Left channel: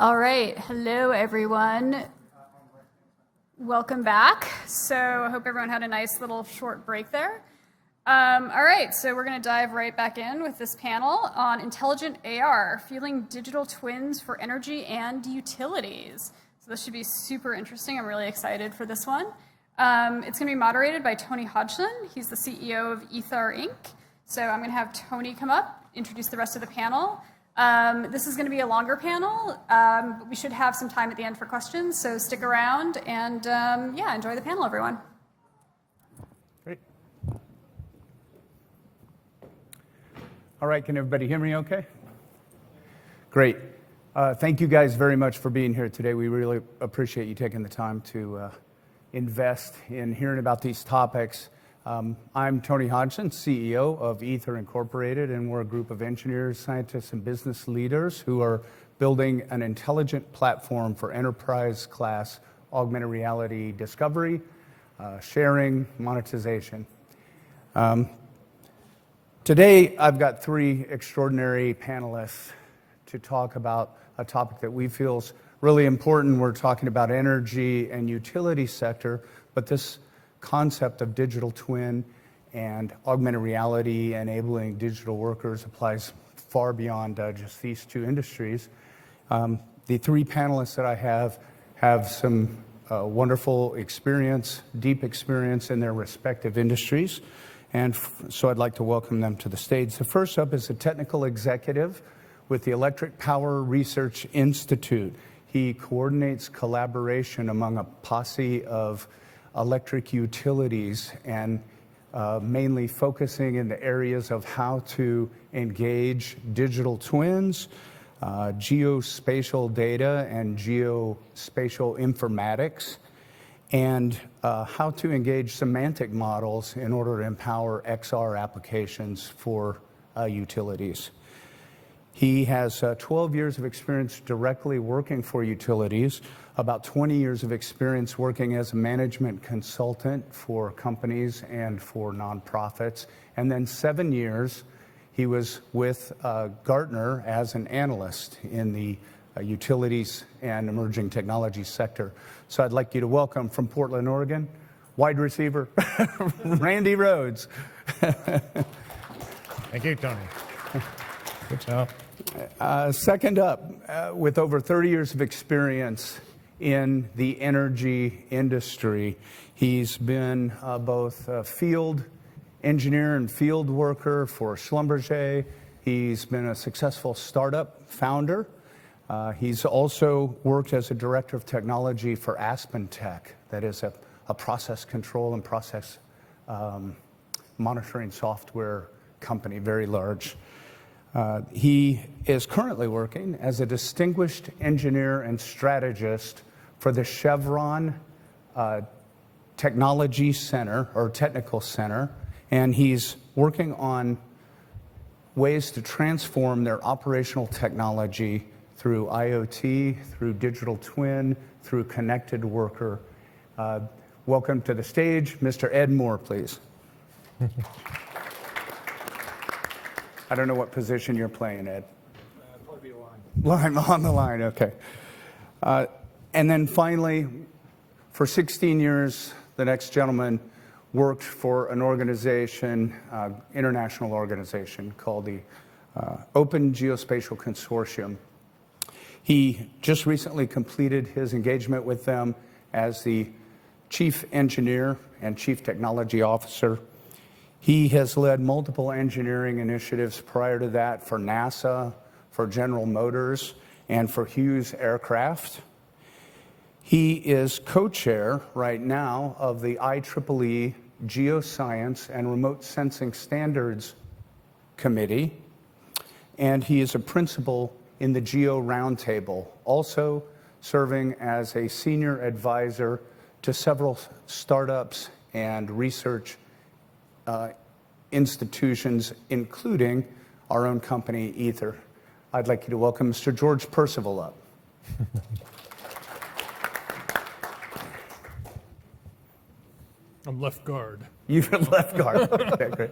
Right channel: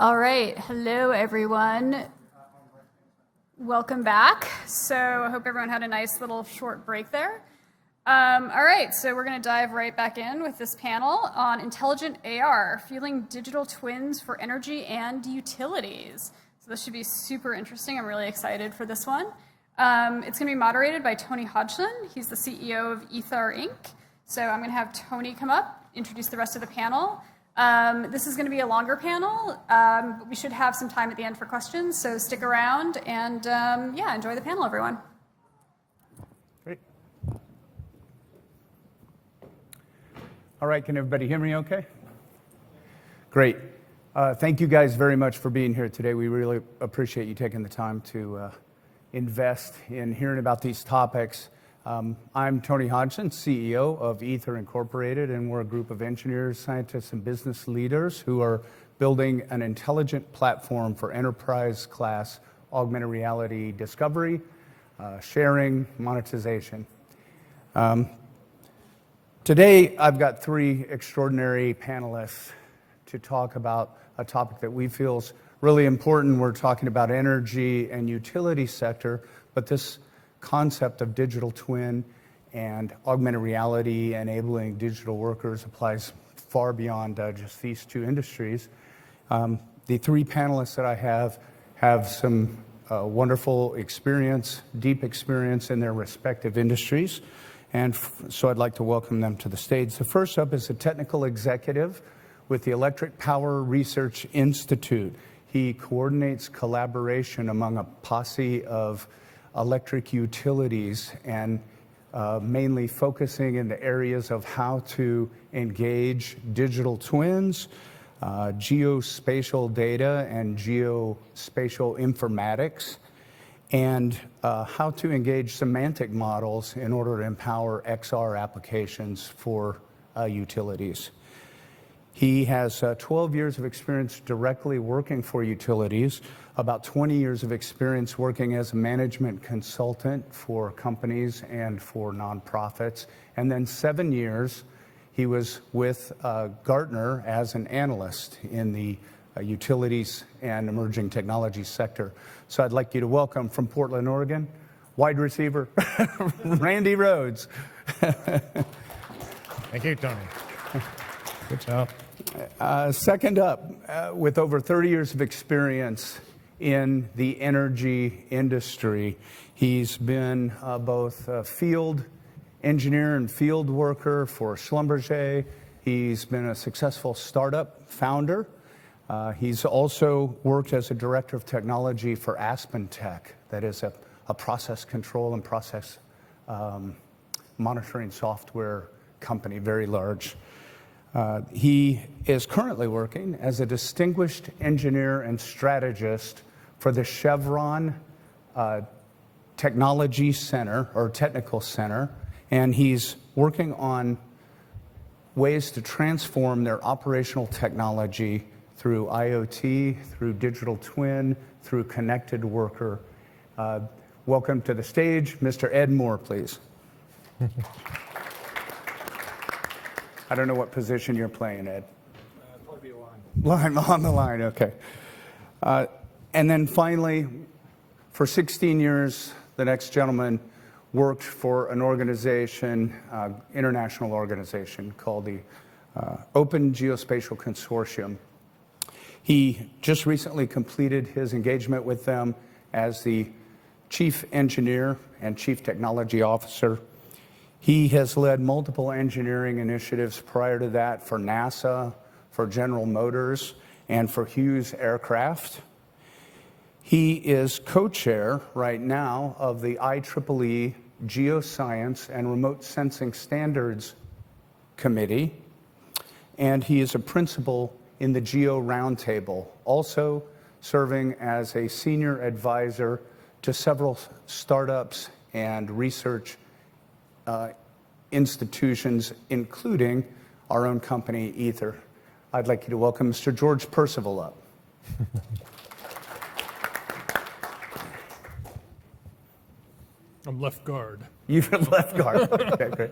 All right, hello everyone. Welcome back. So I hope everyone had a nice little short break there. All right, so we're going to dive right back in with this panel on intelligent AR, fueling digital twins for energy and utilities. So this should be super interesting. I'm really excited for this one. It's going to be moderated by Tony Hodgson. He's the CEO of Ether Inc. So I'm going to have Tony come up, introduce the rest of the panel. This is going to be a longer panel, but we should have some time at the end for questions, so stick around and yeah, enjoy the panel, everyone. Great. All right, can everybody hear me okay? Great. Thank you guys very much for being here today. We really appreciate you taking the time to invest in hearing about these topics. I'm Tony Hodgson, CEO of Ether Incorporated, and we're a group of engineers, scientists, and business leaders who are building an intelligent platform for enterprise-class augmented reality discovery, sharing, monetization. Today, I've got three extraordinary panelists to talk about a topic that we feel is really important. We're talking about energy and utility sector, but this concept of digital twin and augmented reality enabling digital workers applies far beyond just these two industries. The three panelists that I have some wonderful experience, deep experience in their respective industries, and so I'd like to welcome them to the stage. The first up is a technical executive with the Electric Power Research Institute. He coordinates collaboration among a posse of electric utilities and mainly focusing in the areas of how to engage digital twins, geospatial data and geospatial informatics, and how to engage semantic models in order to empower XR applications for utilities. He has 12 years of experience directly working for utilities, about 20 years of experience working as a management consultant for companies and for nonprofits, and then 7 years he was with Gartner as an analyst in the utilities and emerging technology sector. So I'd like you to welcome from Portland, Oregon, wide receiver, Randy Rhodes. Thank you, Tony. Good job. Second up, with over 30 years of experience in the energy industry, he's been both a field engineer and field worker for Schlumberger. He's been a successful startup founder. He's also worked as a director of technology for Aspen Tech, that is a process control and process monitoring software company, very large. He is currently working as a distinguished engineer and strategist for the Chevron Technology Center, or Technical Center, and he's working on ways to transform their operational technology through IoT, through digital twin, through connected worker. Welcome to the stage, Mr. Ed Moore, please. I don't know what position you're playing, Ed. Probably a line. On the line, okay. And then finally, for 16 years, the next gentleman worked for an organization, international organization called the Open Geospatial Consortium. He just recently completed his engagement with them as the chief engineer and chief technology officer. He has led multiple engineering initiatives prior to that for NASA, for General Motors, and for Hughes Aircraft. He is co-chair right now of the IEEE Geoscience and Remote Sensing Standards Committee, and he is a principal in the Geo Roundtable, also serving as a senior advisor to several startups and research institutions, including our own company, Ether. I'd like you to welcome Mr. George Percival up. I'm left guard. You've left guard. Okay, great.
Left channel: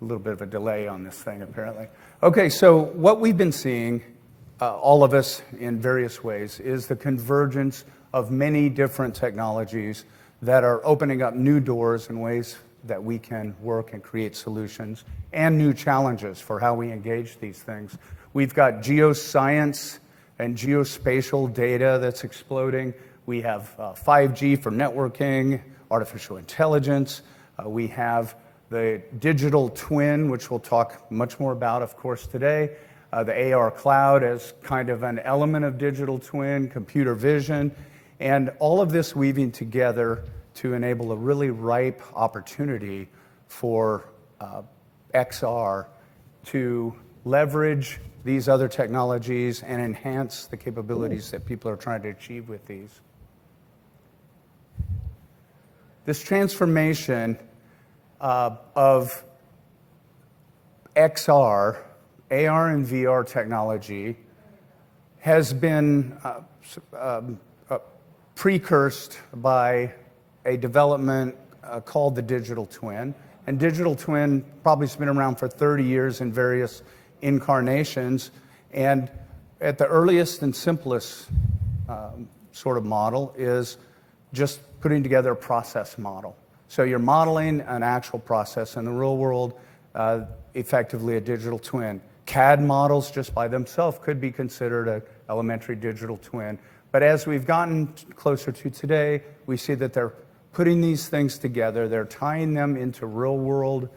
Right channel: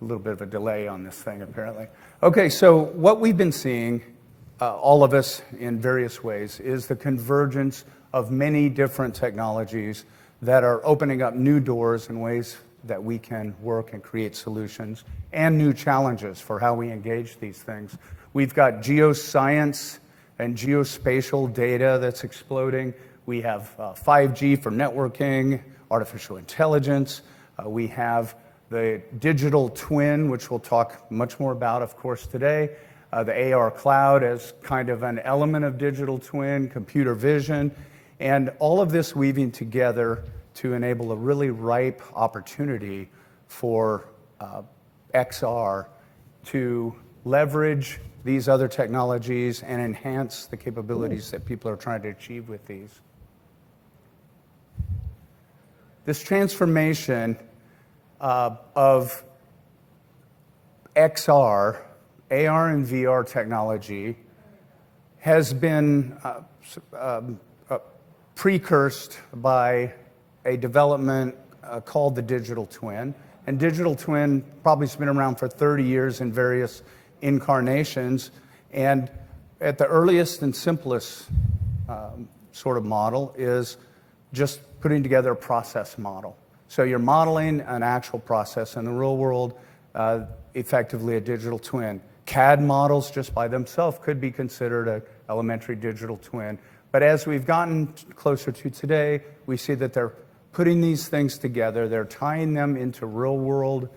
A little bit of a delay on this thing, apparently. Okay, so what we've been seeing, all of us in various ways, is the convergence of many different technologies that are opening up new doors in ways that we can work and create solutions, and new challenges for how we engage these things. We've got geoscience and geospatial data that's exploding. We have 5G for networking, artificial intelligence. We have the digital twin, which we'll talk much more about, of course, today. The AR cloud as kind of an element of digital twin, computer vision, and all of this weaving together to enable a really ripe opportunity for XR to leverage these other technologies and enhance the capabilities that people are trying to achieve with these. This transformation of XR, AR and VR technology has been precursed by a development called the digital twin. And digital twin probably has been around for 30 years in various incarnations. And at the earliest and simplest sort of model is just putting together a process model. So you're modeling an actual process in the real world, effectively a digital twin. CAD models just by themselves could be considered an elementary digital twin. But as we've gotten closer to today, we see that they're putting these things together. They're tying them into real world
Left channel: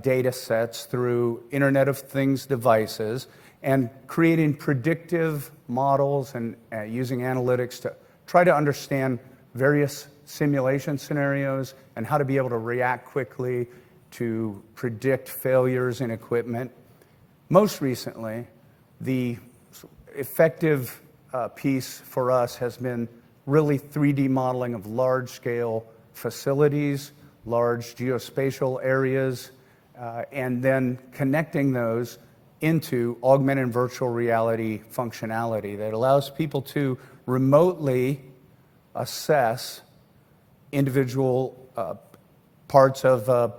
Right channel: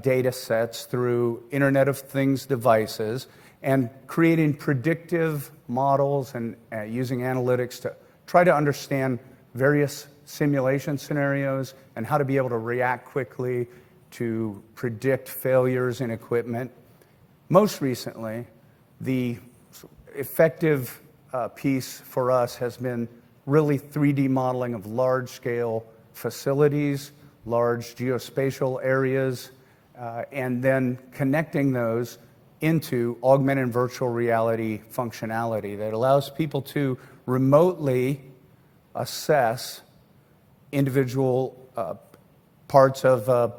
data sets through Internet of Things devices and creating predictive models and using analytics to try to understand various simulation scenarios and how to be able to react quickly to predict failures in equipment. Most recently, the effective piece for us has been really 3D modeling of large-scale facilities, large geospatial areas, and then connecting those into augmented and virtual reality functionality that allows people to remotely assess individual parts of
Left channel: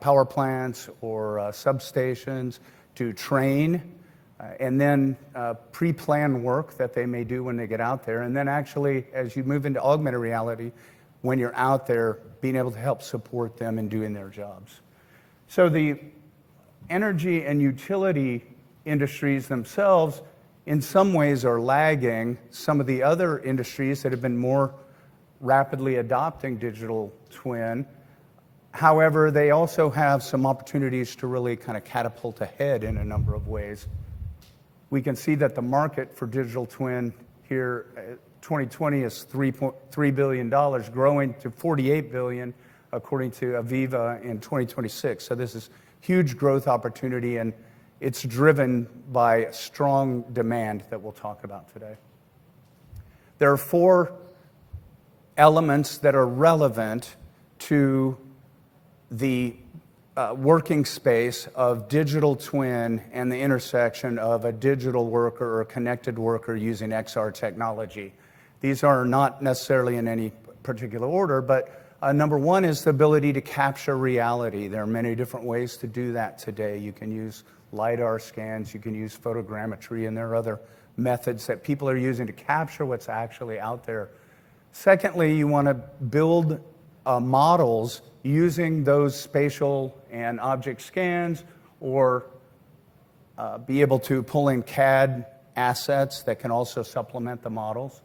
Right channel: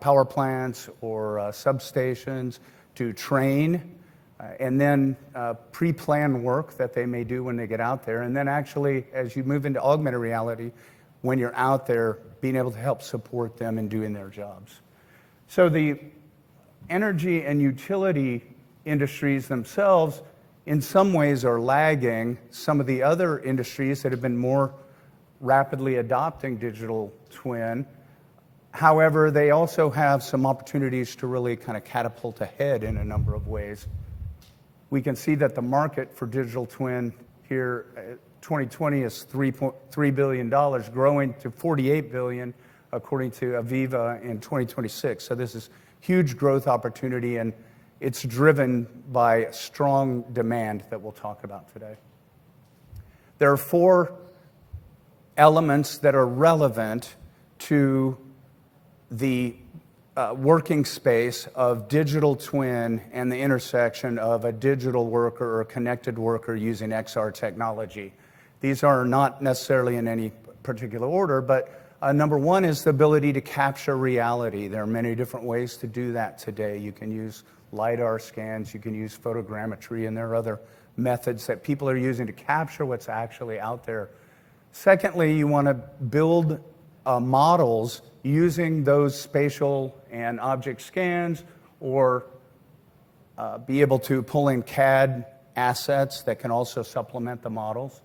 power plants or substations, to train and then pre-plan work that they may do when they get out there. And then actually, as you move into augmented reality, when you're out there, being able to help support them in doing their jobs. So the energy and utility industries themselves, in some ways, are lagging some of the other industries that have been more rapidly adopting digital twin. However, they also have some opportunities to really kind of catapult ahead in a number of ways. We can see that the market for digital twin here, 2020 is $3.3 billion, growing to $48 billion, according to Aviva, in 2026. So this is huge growth opportunity, and it's driven by strong demand that we'll talk about today. There are 4 elements that are relevant to the working space of digital twin and the intersection of a digital worker or a connected worker using XR technology. These are not necessarily in any particular order, but number 1 is the ability to capture reality. There are many different ways to do that today. You can use LiDAR scans, you can use photogrammetry, and there are other methods that people are using to capture what's actually out there. Secondly, you want to build models using those spatial and object scans, or be able to pull in CAD assets that can also supplement the models.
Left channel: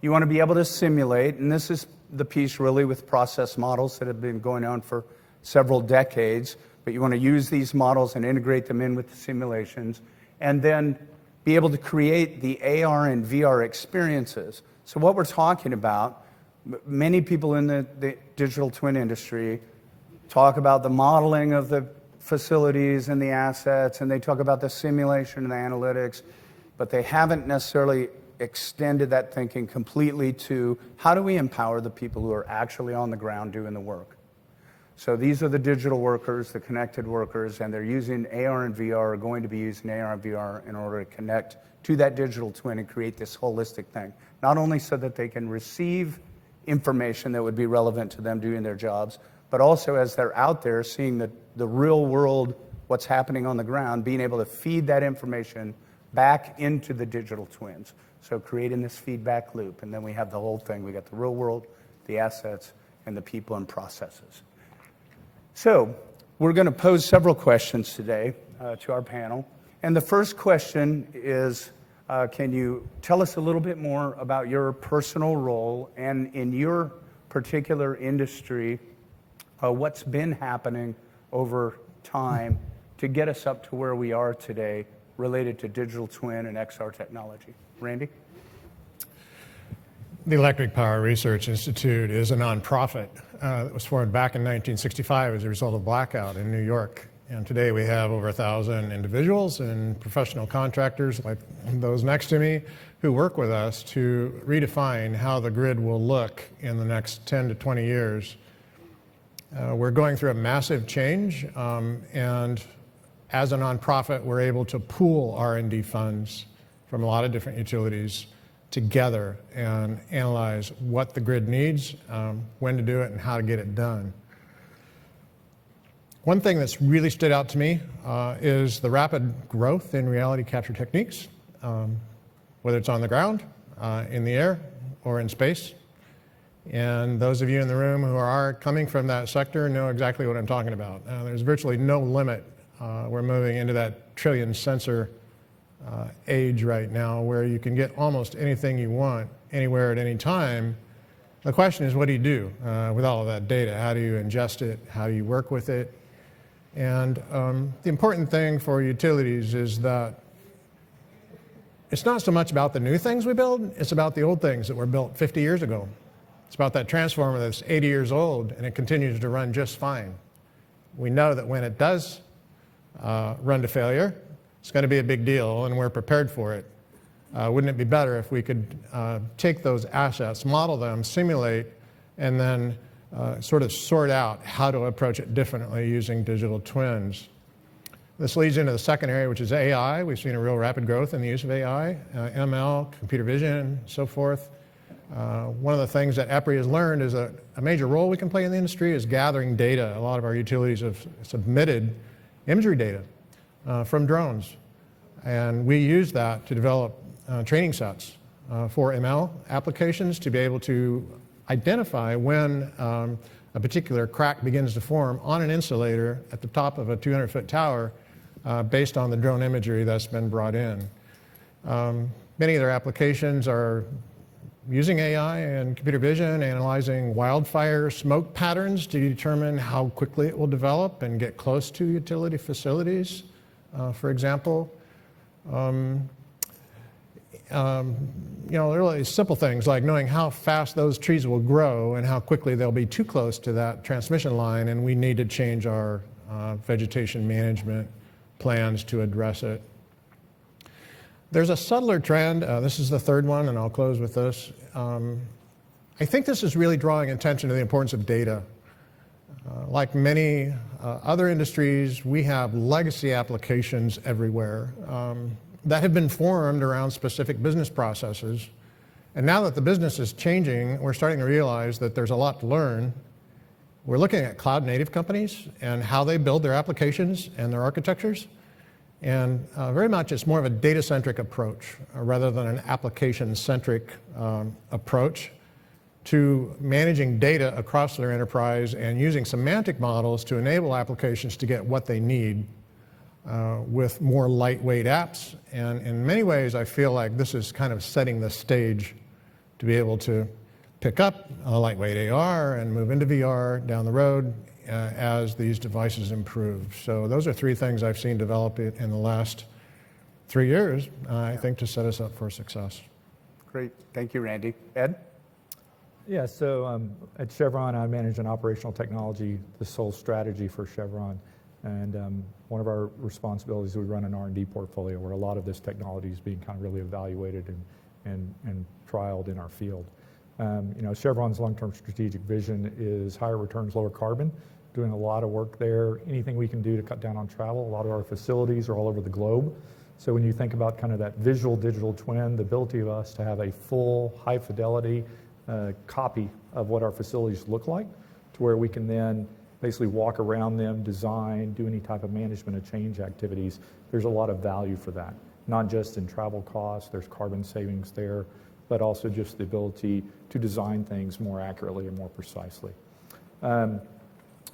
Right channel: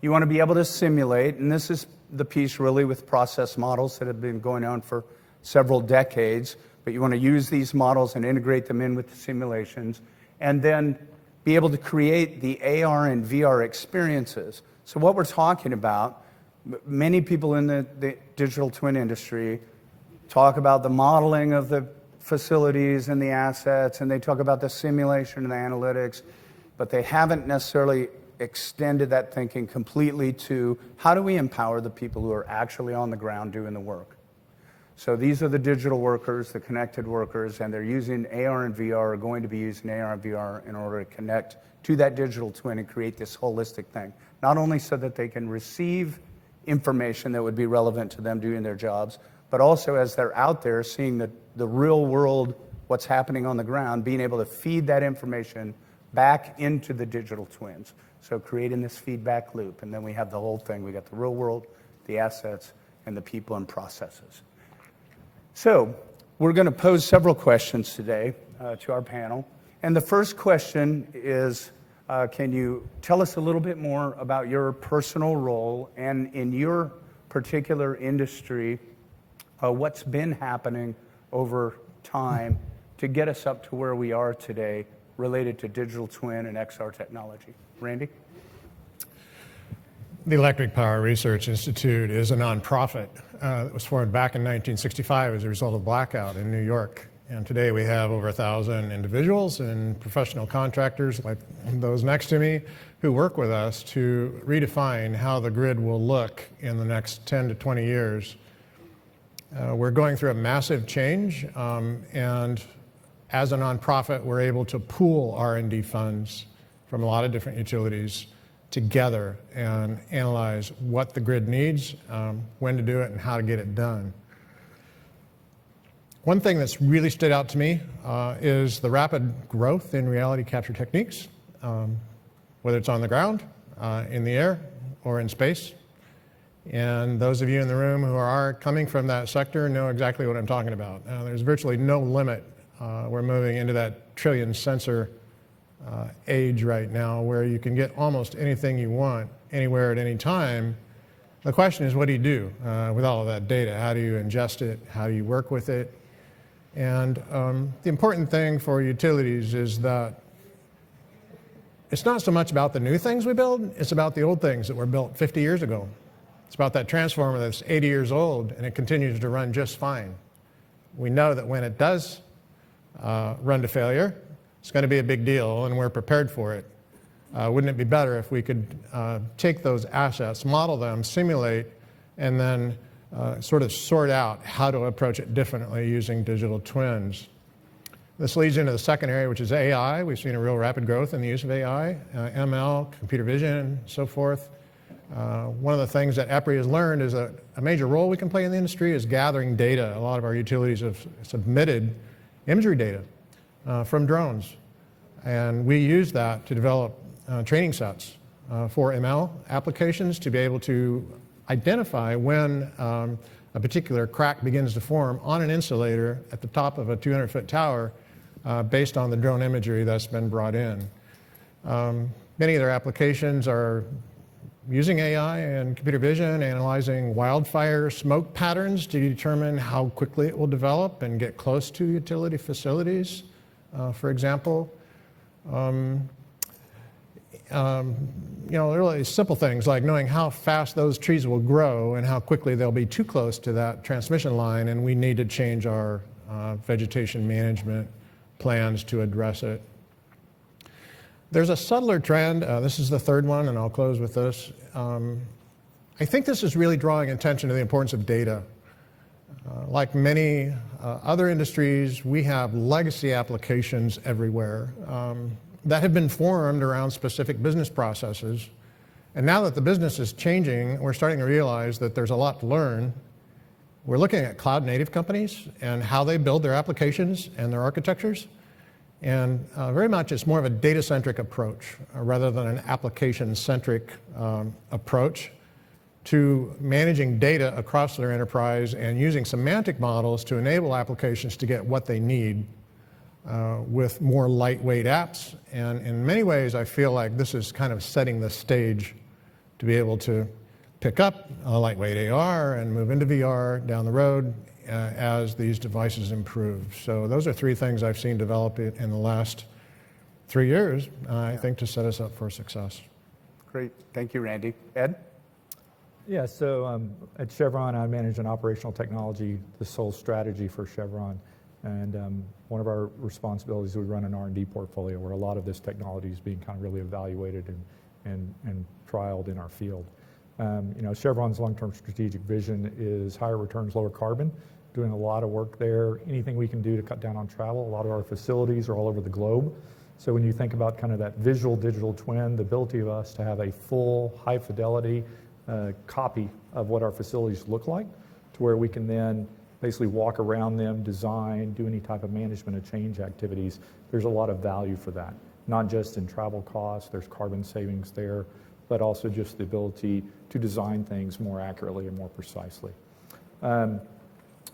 You want to be able to simulate, and this is the piece really with process models that have been going on for several decades, but you want to use these models and integrate them in with the simulations, and then be able to create the AR and VR experiences. So what we're talking about, many people in the digital twin industry talk about the modeling of the facilities and the assets, and they talk about the simulation and the analytics, but they haven't necessarily extended that thinking completely to how do we empower the people who are actually on the ground doing the work. So these are the digital workers, the connected workers, and they're using AR and VR, are going to be using AR and VR in order to connect to that digital twin and create this holistic thing. Not only so that they can receive information that would be relevant to them doing their jobs, but also as they're out there seeing the real world, what's happening on the ground, being able to feed that information back into the digital twins. So creating this feedback loop, and then we have the whole thing. We got the real world, the assets, and the people and processes. So we're going to pose several questions today to our panel. And the first question is, can you tell us a little bit more about your personal role and in your particular industry, what's been happening over time to get us up to where we are today related to digital twin and XR technology? Randy? The Electric Power Research Institute is a nonprofit that was formed back in 1965 as a result of blackout in New York. And today we have over 1,000 individuals and professional contractors like those next to me who work with us to redefine how the grid will look in the next 10 to 20 years. We're going through a massive change, and as a nonprofit, we're able to pool R&D funds from a lot of different utilities together and analyze what the grid needs, when to do it, and how to get it done. One thing that's really stood out to me is the rapid growth in reality capture techniques, whether it's on the ground, in the air, or in space. And those of you in the room who are coming from that sector know exactly what I'm talking about. There's virtually no limit. We're moving into that trillion sensor age right now where you can get almost anything you want anywhere at any time. The question is, what do you do with all of that data? How do you ingest it? How do you work with it? And the important thing for utilities is that it's not so much about the new things we build, it's about the old things that were built 50 years ago. It's about that transformer that's 80 years old and it continues to run just fine. We know that when it does run to failure, it's going to be a big deal, and we're prepared for it. Wouldn't it be better if we could take those assets, model them, simulate, and then sort of sort out how to approach it differently using digital twins? This leads into the second area, which is AI. We've seen a real rapid growth in the use of AI, ML, computer vision, so forth. One of the things that EPRI has learned is that a major role we can play in the industry is gathering data. A lot of our utilities have submitted imagery data from drones, and we use that to develop training sets for ML applications to be able to identify when a particular crack begins to form on an insulator at the top of a 200-foot tower based on the drone imagery that's been brought in. Many of their applications are using AI and computer vision, analyzing wildfire smoke patterns to determine how quickly it will develop and get close to utility facilities, for example. Really simple things like knowing how fast those trees will grow and how quickly they'll be too close to that transmission line, and we need to change our vegetation management plans to address it. There's a subtler trend. This is the third one, and I'll close with this. I think this is really drawing attention to the importance of data. Like many other industries, we have legacy applications everywhere that have been formed around specific business processes. And now that the business is changing, we're starting to realize that there's a lot to learn. We're looking at cloud native companies and how they build their applications and their architectures. And very much it's more of a data-centric approach rather than an application-centric approach to managing data across their enterprise and using semantic models to enable applications to get what they need with more lightweight apps. And in many ways, I feel like this is kind of setting the stage to be able to pick up a lightweight AR and move into VR down the road as these devices improve. So those are three things I've seen develop in the last 3 years, I think, to set us up for success. Great. Thank you, Randy. Ed? Yeah, so at Chevron, I manage an operational technology, the sole strategy for Chevron. And one of our responsibilities is we run an R&D portfolio where a lot of this technology is being kind of really evaluated and trialed in our field. Chevron's long-term strategic vision is higher returns, lower carbon, doing a lot of work there. Anything we can do to cut down on travel. A lot of our facilities are all over the globe. So when you think about kind of that visual digital twin, the ability of us to have a full high fidelity copy of what our facilities look like, to where we can then basically walk around them, design, do any type of management of change activities, there's a lot of value for that. Not just in travel costs, there's carbon savings there, but also just the ability to design things more accurately and more precisely.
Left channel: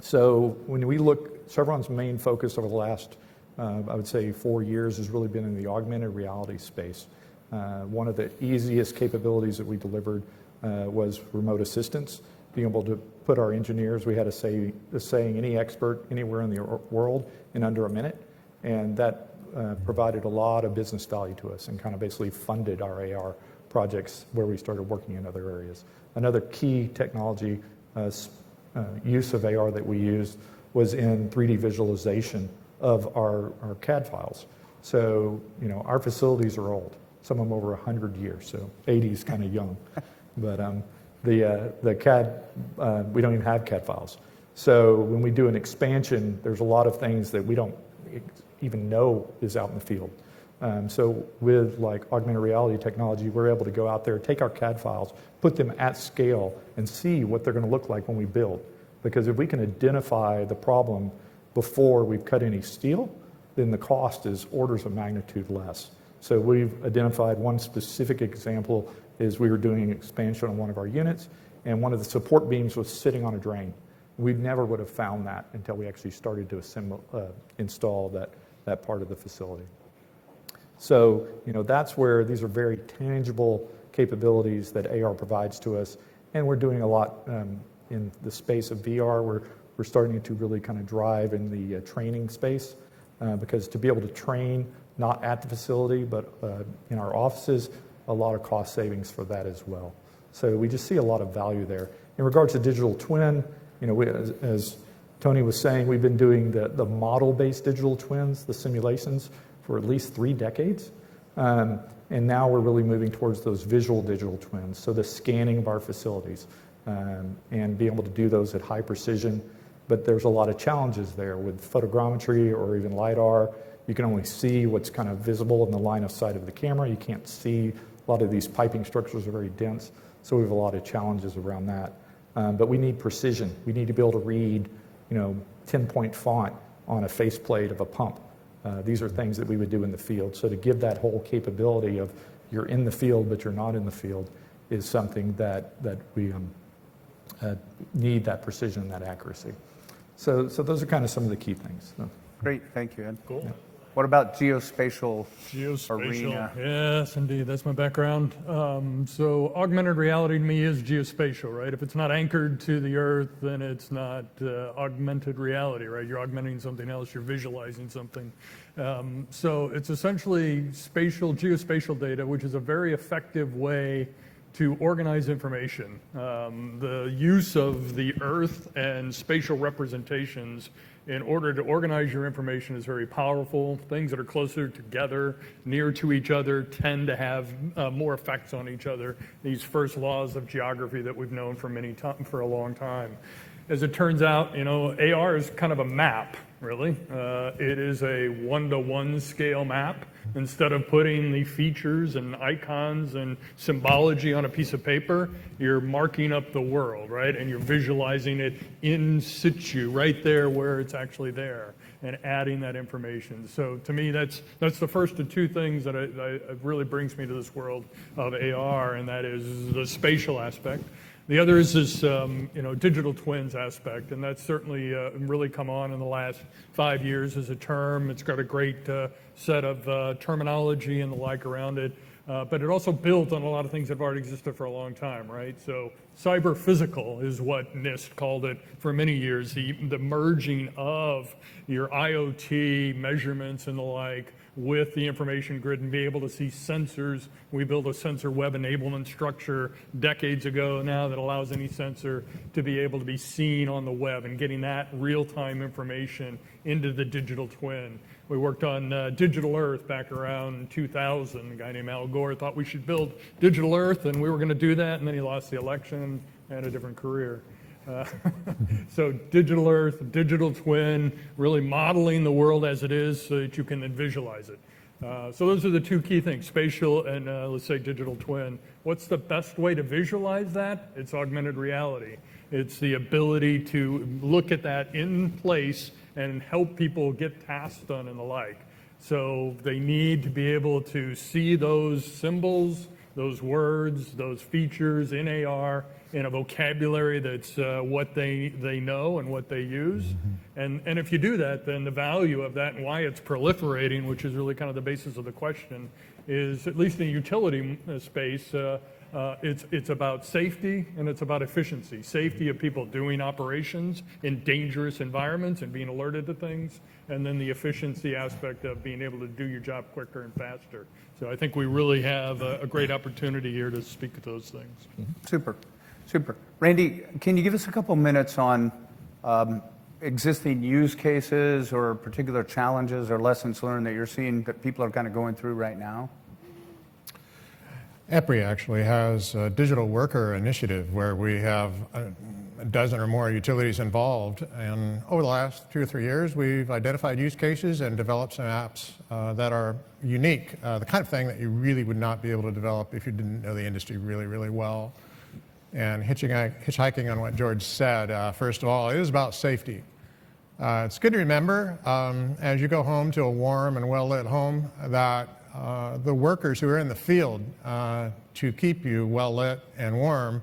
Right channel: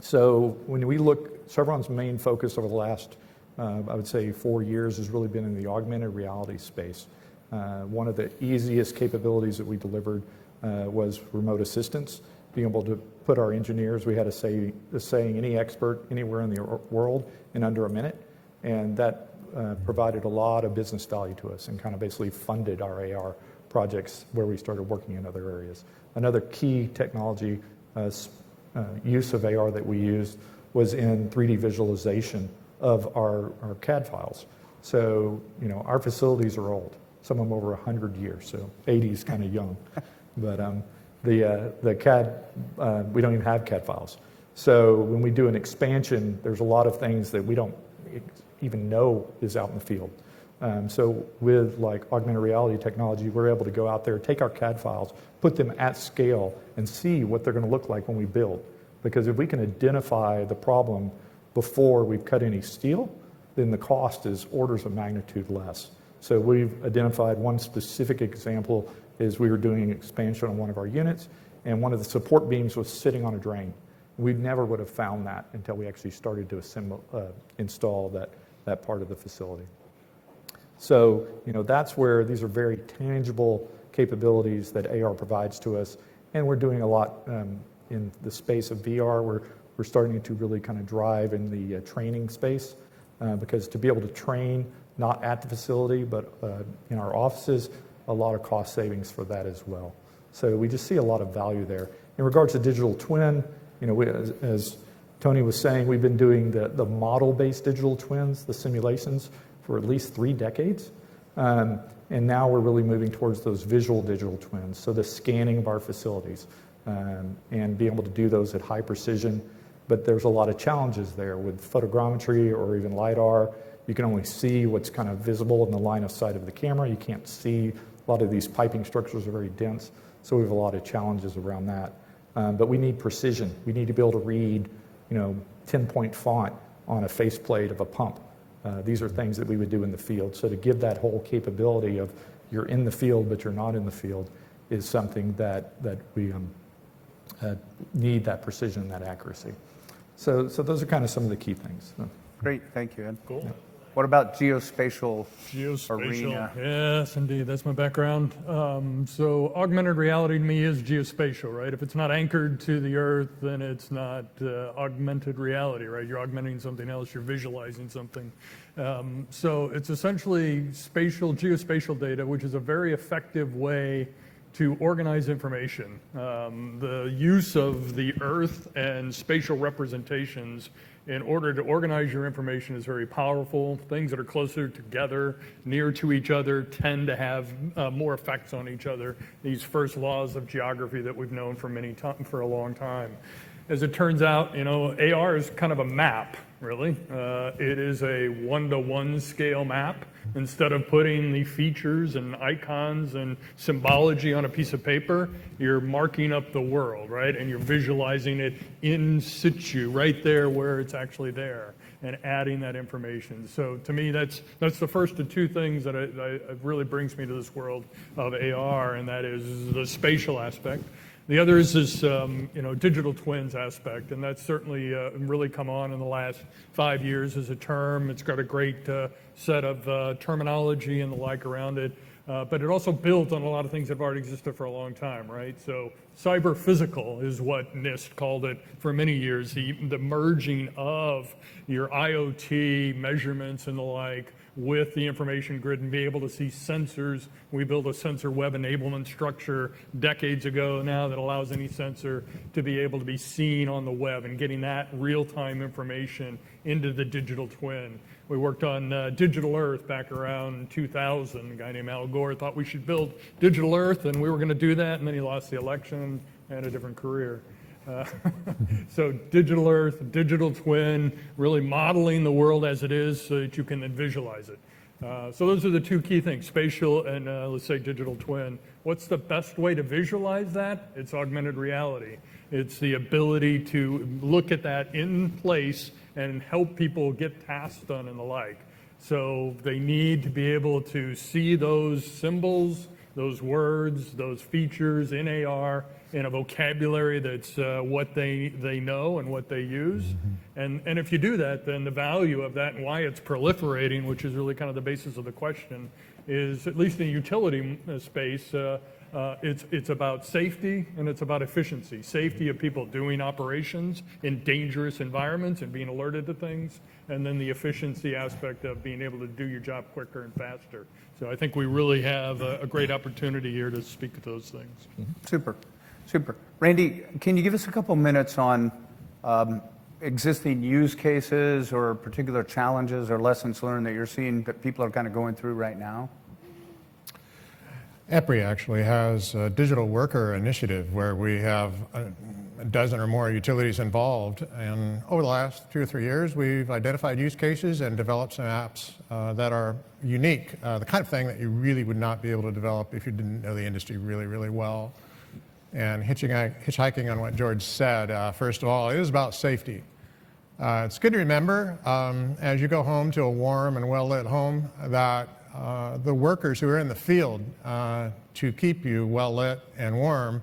So when we look, Chevron's main focus over the last, I would say 4 years has really been in the augmented reality space. One of the easiest capabilities that we delivered was remote assistance, being able to put our engineers, we had a saying, any expert anywhere in the world in under a minute, and that provided a lot of business value to us and kind of basically funded our AR projects where we started working in other areas. Another key technology use of AR that we used was in 3D visualization of our CAD files. So, you know, our facilities are old, some of them over 100 years, so 80 is kind of young. But the CAD, we don't even have CAD files. So when we do an expansion, there's a lot of things that we don't even know is out in the field. So with like augmented reality technology, we're able to go out there, take our CAD files, put them at scale, and see what they're going to look like when we build. Because if we can identify the problem before we've cut any steel, then the cost is orders of magnitude less. So we've identified one specific example is we were doing an expansion on one of our units, and one of the support beams was sitting on a drain. We never would have found that until we actually started to install that part of the facility. So, you know, that's where these are very tangible capabilities that AR provides to us, and we're doing a lot in the space of VR. We're starting to really kind of drive in the training space, because to be able to train not at the facility but in our offices, a lot of cost savings for that as well. So we just see a lot of value there. In regards to digital twin, you know, as Tony was saying, we've been doing the model-based digital twins, the simulations, for at least 3 decades. And now we're really moving towards those visual digital twins, so the scanning of our facilities, and being able to do those at high precision. But there's a lot of challenges there with photogrammetry or even LiDAR. You can only see what's kind of visible in the line of sight of the camera. You can't see, a lot of these piping structures are very dense, so we have a lot of challenges around that. But we need precision. We need to be able to read, you know, 10-point font on a faceplate of a pump. These are things that we would do in the field. So to give that whole capability of you're in the field but you're not in the field is something that we need, that precision and that accuracy. So those are kind of some of the key things. So. Great, thank you, Ed. Cool. Yeah. What about geospatial arena? Yes, indeed. That's my background. So augmented reality to me is geospatial, right? If it's not anchored to the earth, then it's not augmented reality, right? You're augmenting something else. You're visualizing something. So it's essentially spatial, geospatial data, which is a very effective way to organize information. The use of the earth and spatial representations in order to organize your information is very powerful. Things that are closer together, near to each other, tend to have more effects on each other. These first laws of geography that we've known for a long time. As it turns out, you know, AR is kind of a map, really. It is a 1-to-1 scale map. Instead of putting the features and icons and symbology on a piece of paper, you're marking up the world, right? And you're visualizing it in situ, right there where it's actually there, and adding that information. So to me, that's the first of 2 things that really brings me to this world of AR, and that is the spatial aspect. The other is this, you know, digital twins aspect, and that's certainly really come on in the last 5 years as a term. It's got a great set of terminology and the like around it, but it also built on a lot of things that have already existed for a long time, right? So cyber physical is what NIST called it for many years, the merging of your IoT measurements and the like with the information grid and be able to see sensors. We built a sensor web enablement structure decades ago now that allows any sensor to be able to be seen on the web and getting that real-time information into the digital twin. We worked on Digital Earth back around 2000. A guy named Al Gore thought we should build Digital Earth, and we were going to do that, and then he lost the election and had a different career. So Digital Earth, digital twin, really modeling the world as it is so that you can then visualize it. So those are the 2 key things, spatial and let's say digital twin. What's the best way to visualize that? It's augmented reality. It's the ability to look at that in place and help people get tasks done and the like. So they need to be able to see those symbols, those words, those features in AR in a vocabulary that's what they know and what they use. And if you do that, then the value of that and why it's proliferating, which is really kind of the basis of the question, is at least in the utility space, it's about safety and it's about efficiency. Safety of people doing operations in dangerous environments and being alerted to things, and then the efficiency aspect of being able to do your job quicker and faster. So I think we really have a great opportunity here to speak to those things. Super, super. Randy, can you give us a couple minutes on existing use cases or particular challenges or lessons learned that you're seeing that people are kind of going through right now? EPRI actually has a digital worker initiative where we have a dozen or more utilities involved. And over the last 2 or 3 years, we've identified use cases and developed some apps that are unique, the kind of thing that you really would not be able to develop if you didn't know the industry really, really well. And hitchhiking on what George said, first of all, it is about safety. It's good to remember as you go home to a warm and well-lit home that the workers who are in the field to keep you well lit and warm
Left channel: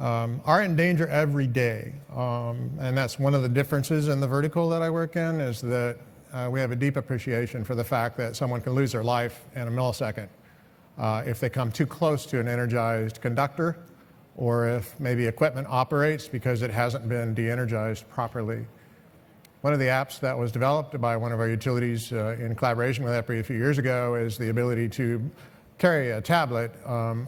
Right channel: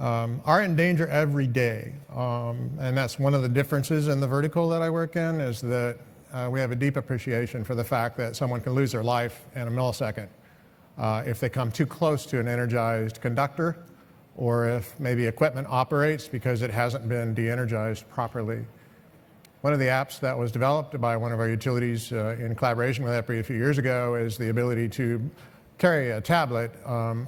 are in danger every day. And that's one of the differences in the vertical that I work in, is that we have a deep appreciation for the fact that someone can lose their life in a millisecond if they come too close to an energized conductor, or if maybe equipment operates because it hasn't been de-energized properly. One of the apps that was developed by one of our utilities in collaboration with EPRI a few years ago is the ability to carry a tablet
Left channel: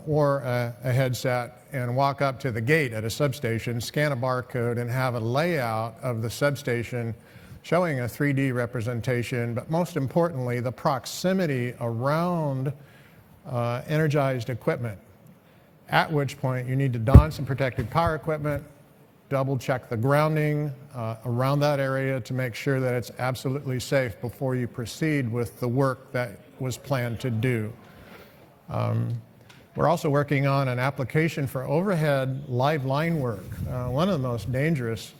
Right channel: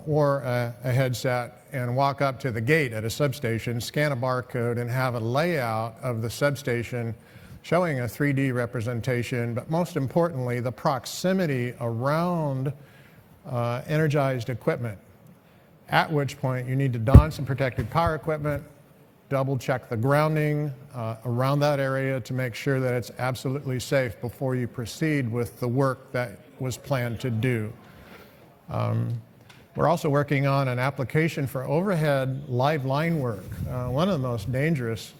or a headset and walk up to the gate at a substation, scan a barcode, and have a layout of the substation showing a 3D representation, but most importantly, the proximity around energized equipment, at which point you need to don some protected car equipment, double check the grounding around that area to make sure that it's absolutely safe before you proceed with the work that was planned to do. We're also working on an application for overhead live line work. One of the most dangerous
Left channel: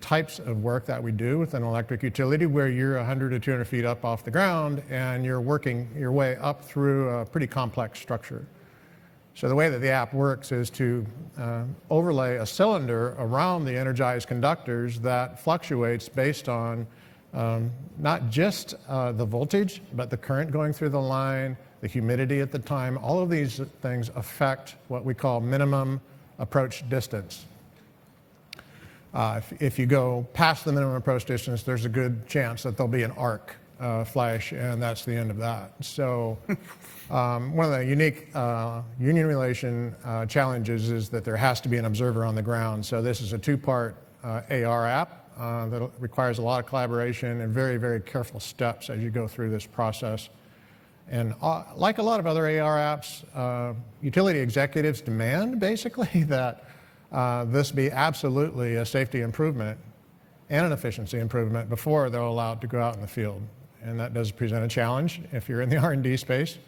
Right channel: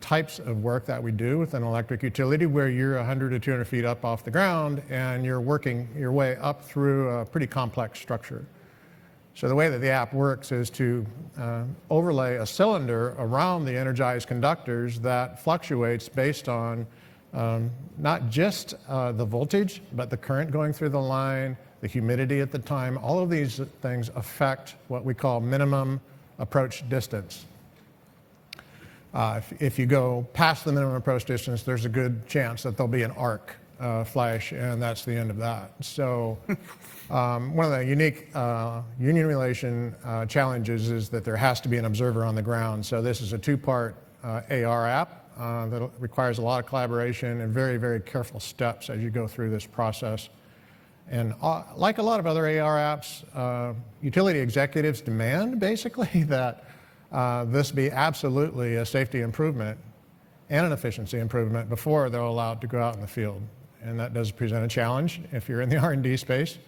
types of work that we do with an electric utility, where you're 100 or 200 feet up off the ground and you're working your way up through a pretty complex structure. So the way that the app works is to overlay a cylinder around the energized conductors that fluctuates based on not just the voltage, but the current going through the line, the humidity at the time. All of these things affect what we call minimum approach distance. If you go past the minimum approach distance, there's a good chance that there'll be an arc flash, and that's the end of that. So one of the unique union relation challenges is that there has to be an observer on the ground. So this is a 2-part AR app that requires a lot of collaboration and very, very careful steps as you go through this process. And like a lot of other AR apps, utility executives demand basically that this be absolutely a safety improvement and an efficiency improvement before they're allowed to go out in the field. And that does present a challenge if you're in the R&D space.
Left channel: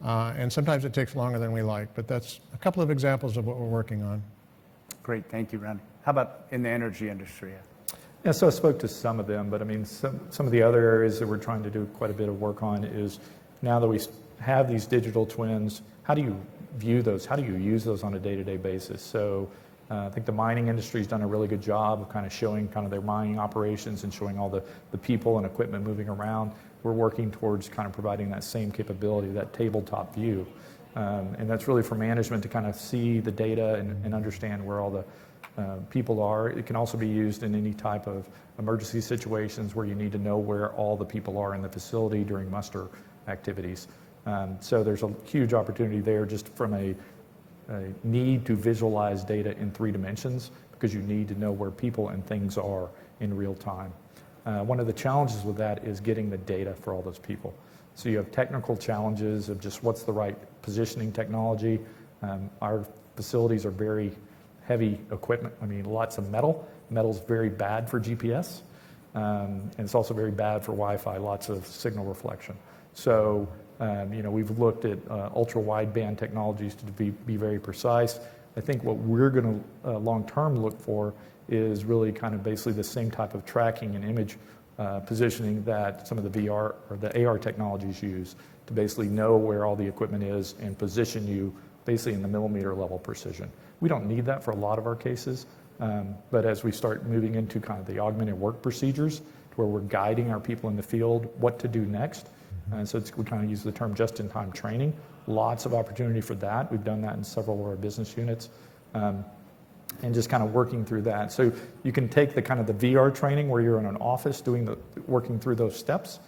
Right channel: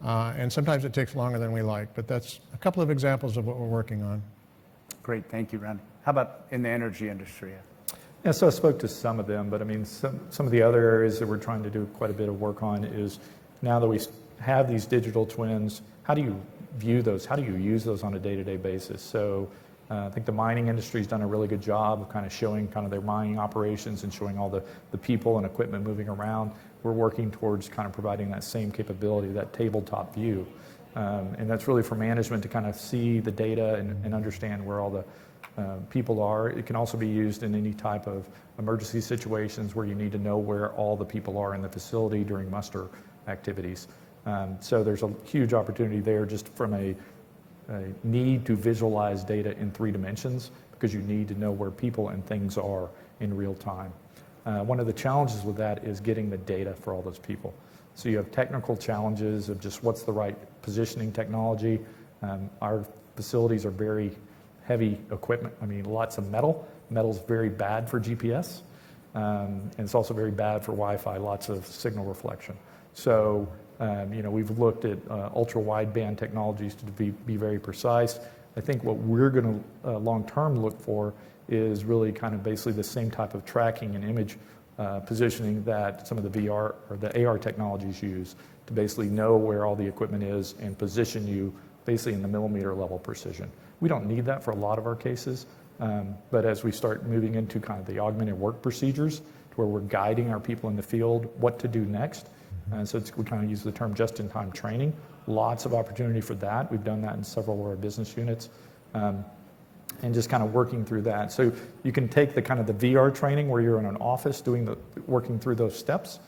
And sometimes it takes longer than we like, but that's a couple of examples of what we're working on. Great, thank you, Randy. How about in the energy industry? Yeah, so I spoke to some of them, but I mean, some of the other areas that we're trying to do quite a bit of work on is, now that we have these digital twins, how do you view those? How do you use those on a day-to-day basis? So I think the mining industry's done a really good job of kind of showing kind of their mining operations and showing all the people and equipment moving around. We're working towards kind of providing that same capability, that tabletop view. And that's really for management to kind of see the data and understand where all the people are. It can also be used in any type of emergency situations where you need to know where all the people are in the facility during muster activities. So there's a huge opportunity there just from a need to visualize data in 3 dimensions, because you need to know where people and things are in real time. One of the challenges with that is getting the data for all those people. So you have technical challenges of just what's the right positioning technology. Our facilities are very heavy equipment. I mean, lots of metal. Metal's very bad for GPS, and it's also very bad for Wi-Fi, lots of signal reflection. So, we've looked at ultra-wideband technologies to be very precise. I think what we're going to long-term look for is really kind of basically the same type of tracking and image positioning that some of the VR or the AR technologies use to basically know where all the equipment is and position you basically in the millimeter level precision. We don't need that for a lot of our cases, but as we start moving into kind of the augmented work procedures, to where we're guiding our people in the field what to do next, so we're trying to use the term just-in-time training. Lots of opportunity for that. We've done that in several of our business units, and just kind of working through that. So you can take the kind of the VR training where you're in an office working through those steps,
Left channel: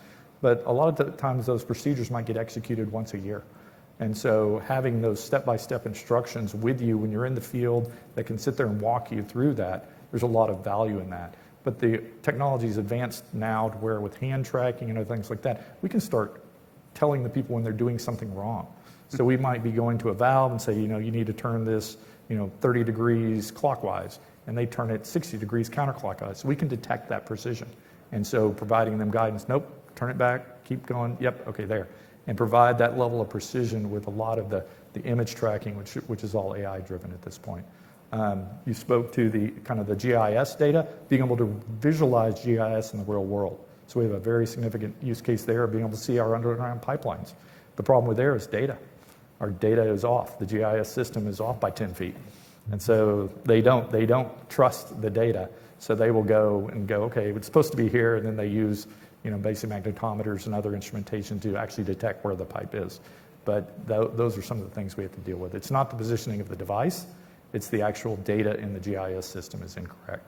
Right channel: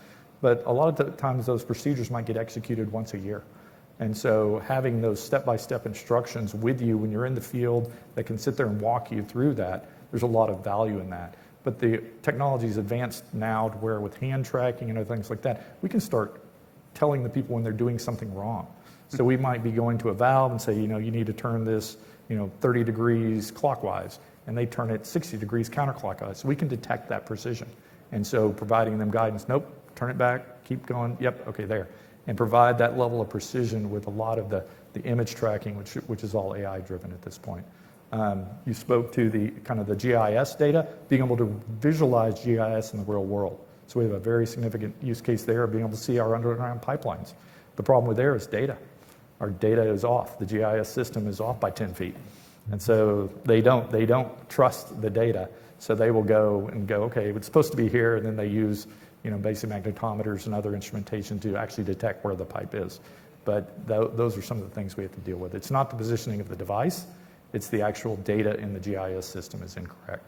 but a lot of the times those procedures might get executed once a year. And so having those step-by-step instructions with you when you're in the field that can sit there and walk you through that, there's a lot of value in that. But the technology is advanced now to where with hand tracking and other things like that, we can start telling the people when they're doing something wrong. So we might be going to a valve and say, you need to turn this, 30 degrees clockwise, and they turn it 60 degrees counterclockwise. So we can detect that precision. And so providing them guidance, nope, turn it back, keep going, yep, okay, there. And provide that level of precision with a lot of the image tracking, which is all AI driven at this point. You spoke to the kind of the GIS data, being able to visualize GIS in the real world. So we have a very significant use case there of being able to see our underground pipelines. The problem with there is data. Our data is off. The GIS system is off by 10 feet. And so they don't trust the data. So they will go, okay, it's supposed to be here, and then they use basic magnetometers and other instrumentation to actually detect where the pipe is. But those are some of the things we have to deal with. It's not the positioning of the device, it's the actual data in the GIS system is incorrect.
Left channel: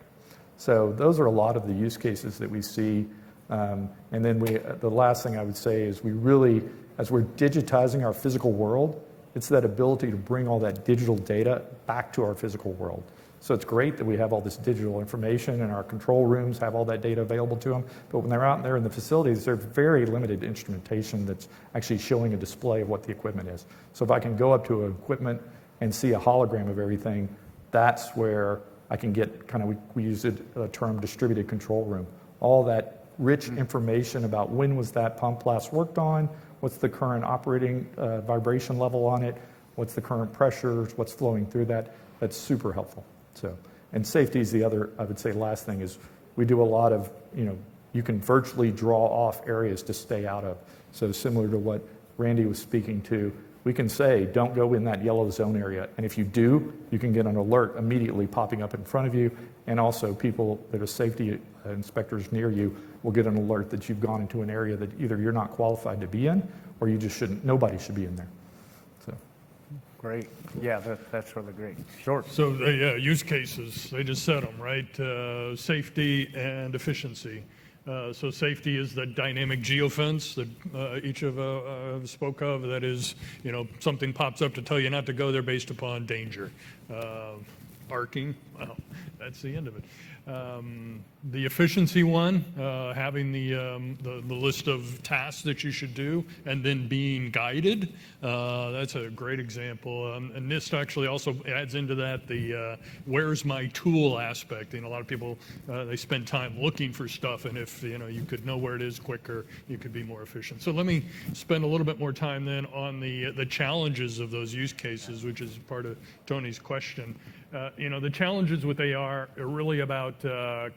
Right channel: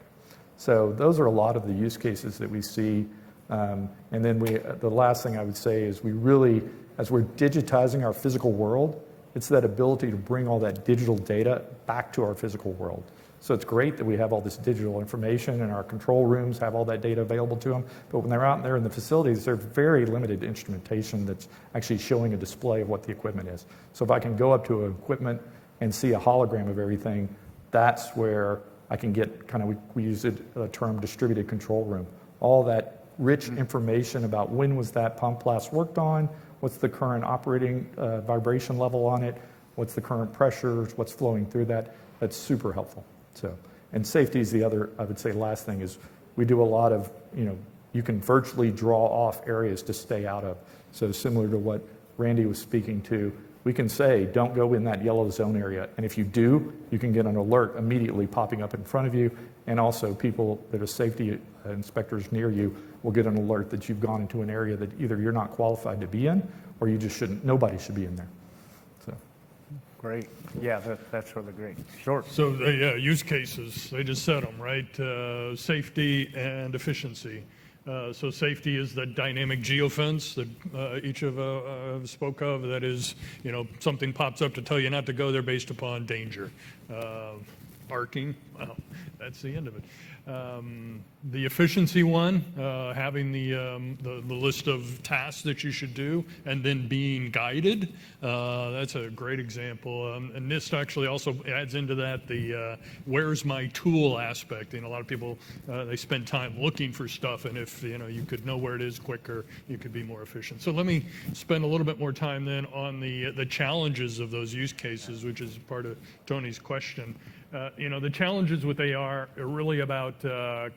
So those are a lot of the use cases that we see. And then the last thing I would say is we really, as we're digitizing our physical world, it's that ability to bring all that digital data back to our physical world. So it's great that we have all this digital information and our control rooms have all that data available to them. But when they're out there in the facilities, there's very limited instrumentation that's actually showing a display of what the equipment is. So if I can go up to an equipment and see a hologram of everything, that's where I can get kind of, we use a term distributed control room. All that rich information about when was that pump last worked on, what's the current operating vibration level on it, what's the current pressures, what's flowing through that. That's super helpful. So, and safety is the other, I would say, last thing is we do a lot of, you can virtually draw off areas to stay out of. So similar to what Randy was speaking to, we can say, don't go in that yellow zone area. And if you do, you can get an alert immediately popping up in front of you. And also people that are safety inspectors near you will get an alert that you've gone into an area that either you're not qualified to be in or you just shouldn't, nobody should be in there. So. Great. Yeah, that's really great. Sure. So, use cases, they just said them, right? Safety and efficiency. So safety is the dynamic geofence that each of spoke of. That is, something pops up to tell you not to go there based upon danger. Arcing, well, that's the end of it. The efficiency one, having the list of tasks that you should do and then being guided, that's a great example. And this actually also adds into that the where's my tool aspect. A lot of people, they spend time looking for stuff, and if you could know where it is quicker, you could be more efficient. So let me spend a little bit more time then on the challenges of those use cases, which is part of Tony's question. The challenges with AR are really about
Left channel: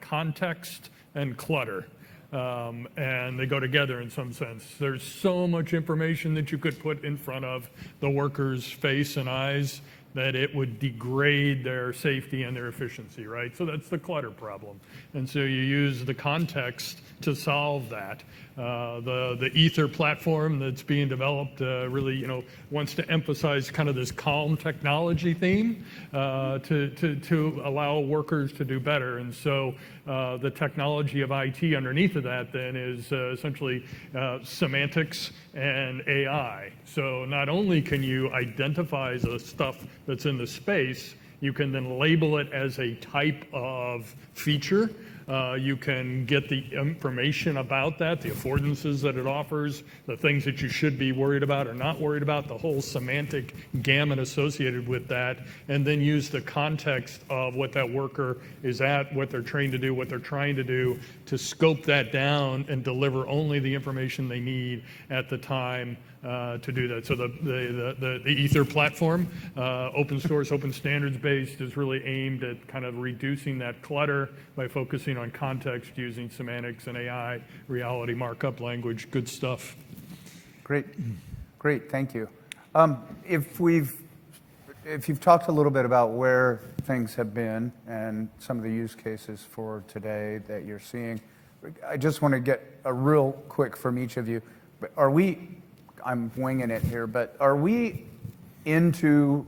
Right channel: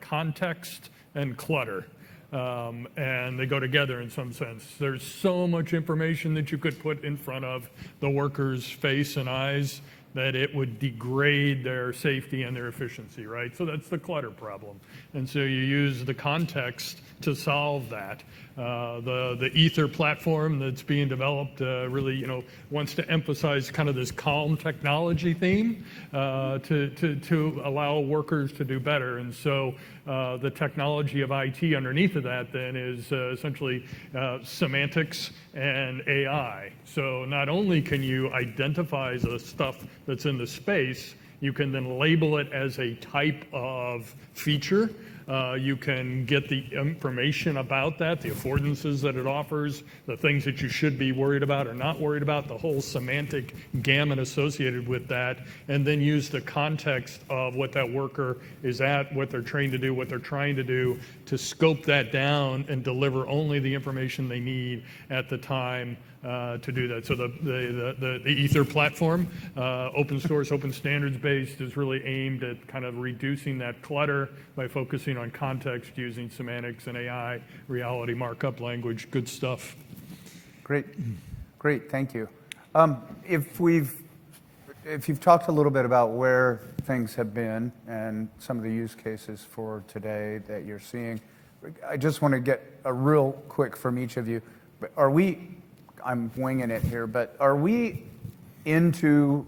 context and clutter, and they go together in some sense. There's so much information that you could put in front of the worker's face and eyes that it would degrade their safety and their efficiency, right? So that's the clutter problem. And so you use the context to solve that. The Ether platform that's being developed really, wants to emphasize kind of this calm technology theme to allow workers to do better. And so the technology of IT underneath of that then is essentially semantics and AI. So not only can you identify the stuff that's in the space, you can then label it as a type of feature. You can get the information about that, the affordances that it offers, the things that you should be worried about or not worried about, the whole semantic gamut associated with that, and then use the context of what that worker is at, what they're trained to do, what they're trying to do, to scope that down and deliver only the information they need at the time to do that. So the Ether platform, open source, open standards based, is really aimed at kind of reducing that clutter by focusing on context, using semantics and AI, reality markup language. Good stuff. Great, great, thank you. If you've talked a little bit about where things have been and some of the use cases for today that you're seeing, I just want to get a real quick from each of you. I'm winging it here, but are we into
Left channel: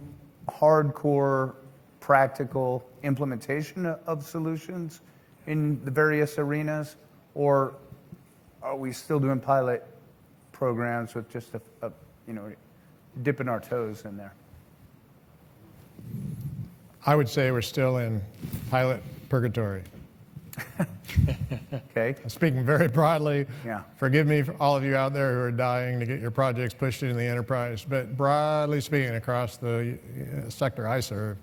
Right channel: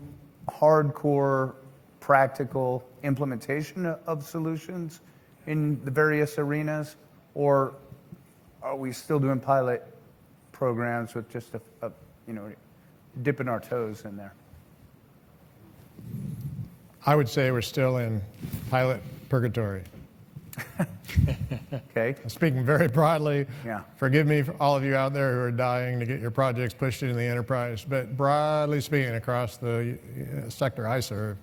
hardcore practical implementation of solutions in the various arenas, or are we still doing pilot programs with just dipping our toes in there? I would say we're still in pilot purgatory. Okay. Speaking very broadly, Yeah. forgive me for all of you out there who are dying to get your projects pushed into the enterprise, but broadly speaking, across the sector I serve,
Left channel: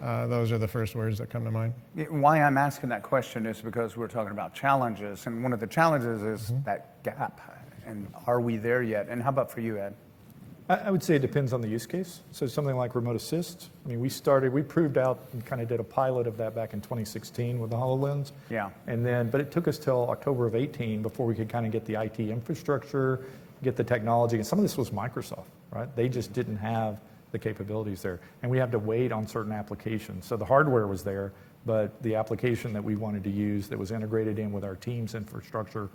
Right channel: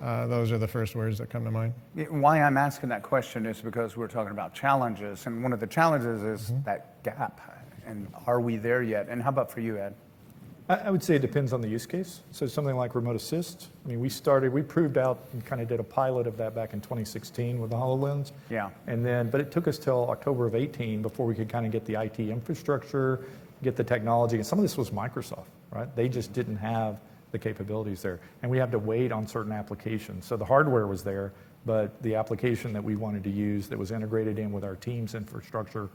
those are the first words that come to mind. Why I'm asking that question is because we're talking about challenges, and one of the challenges is that gap. And are we there yet? And how about for you, Ed? I would say it depends on the use case. So something like remote assist. I mean, we proved out and kind of did a pilot of that back in 2016 with the HoloLens. Yeah. But it took us till October of 18 before we could kind of get the IT infrastructure, get the technology. And some of this was Microsoft, right? They just didn't have the capabilities there. And we had to wait on certain applications. So the hardware was there, but the application that we wanted to use that was integrated in with our team's infrastructure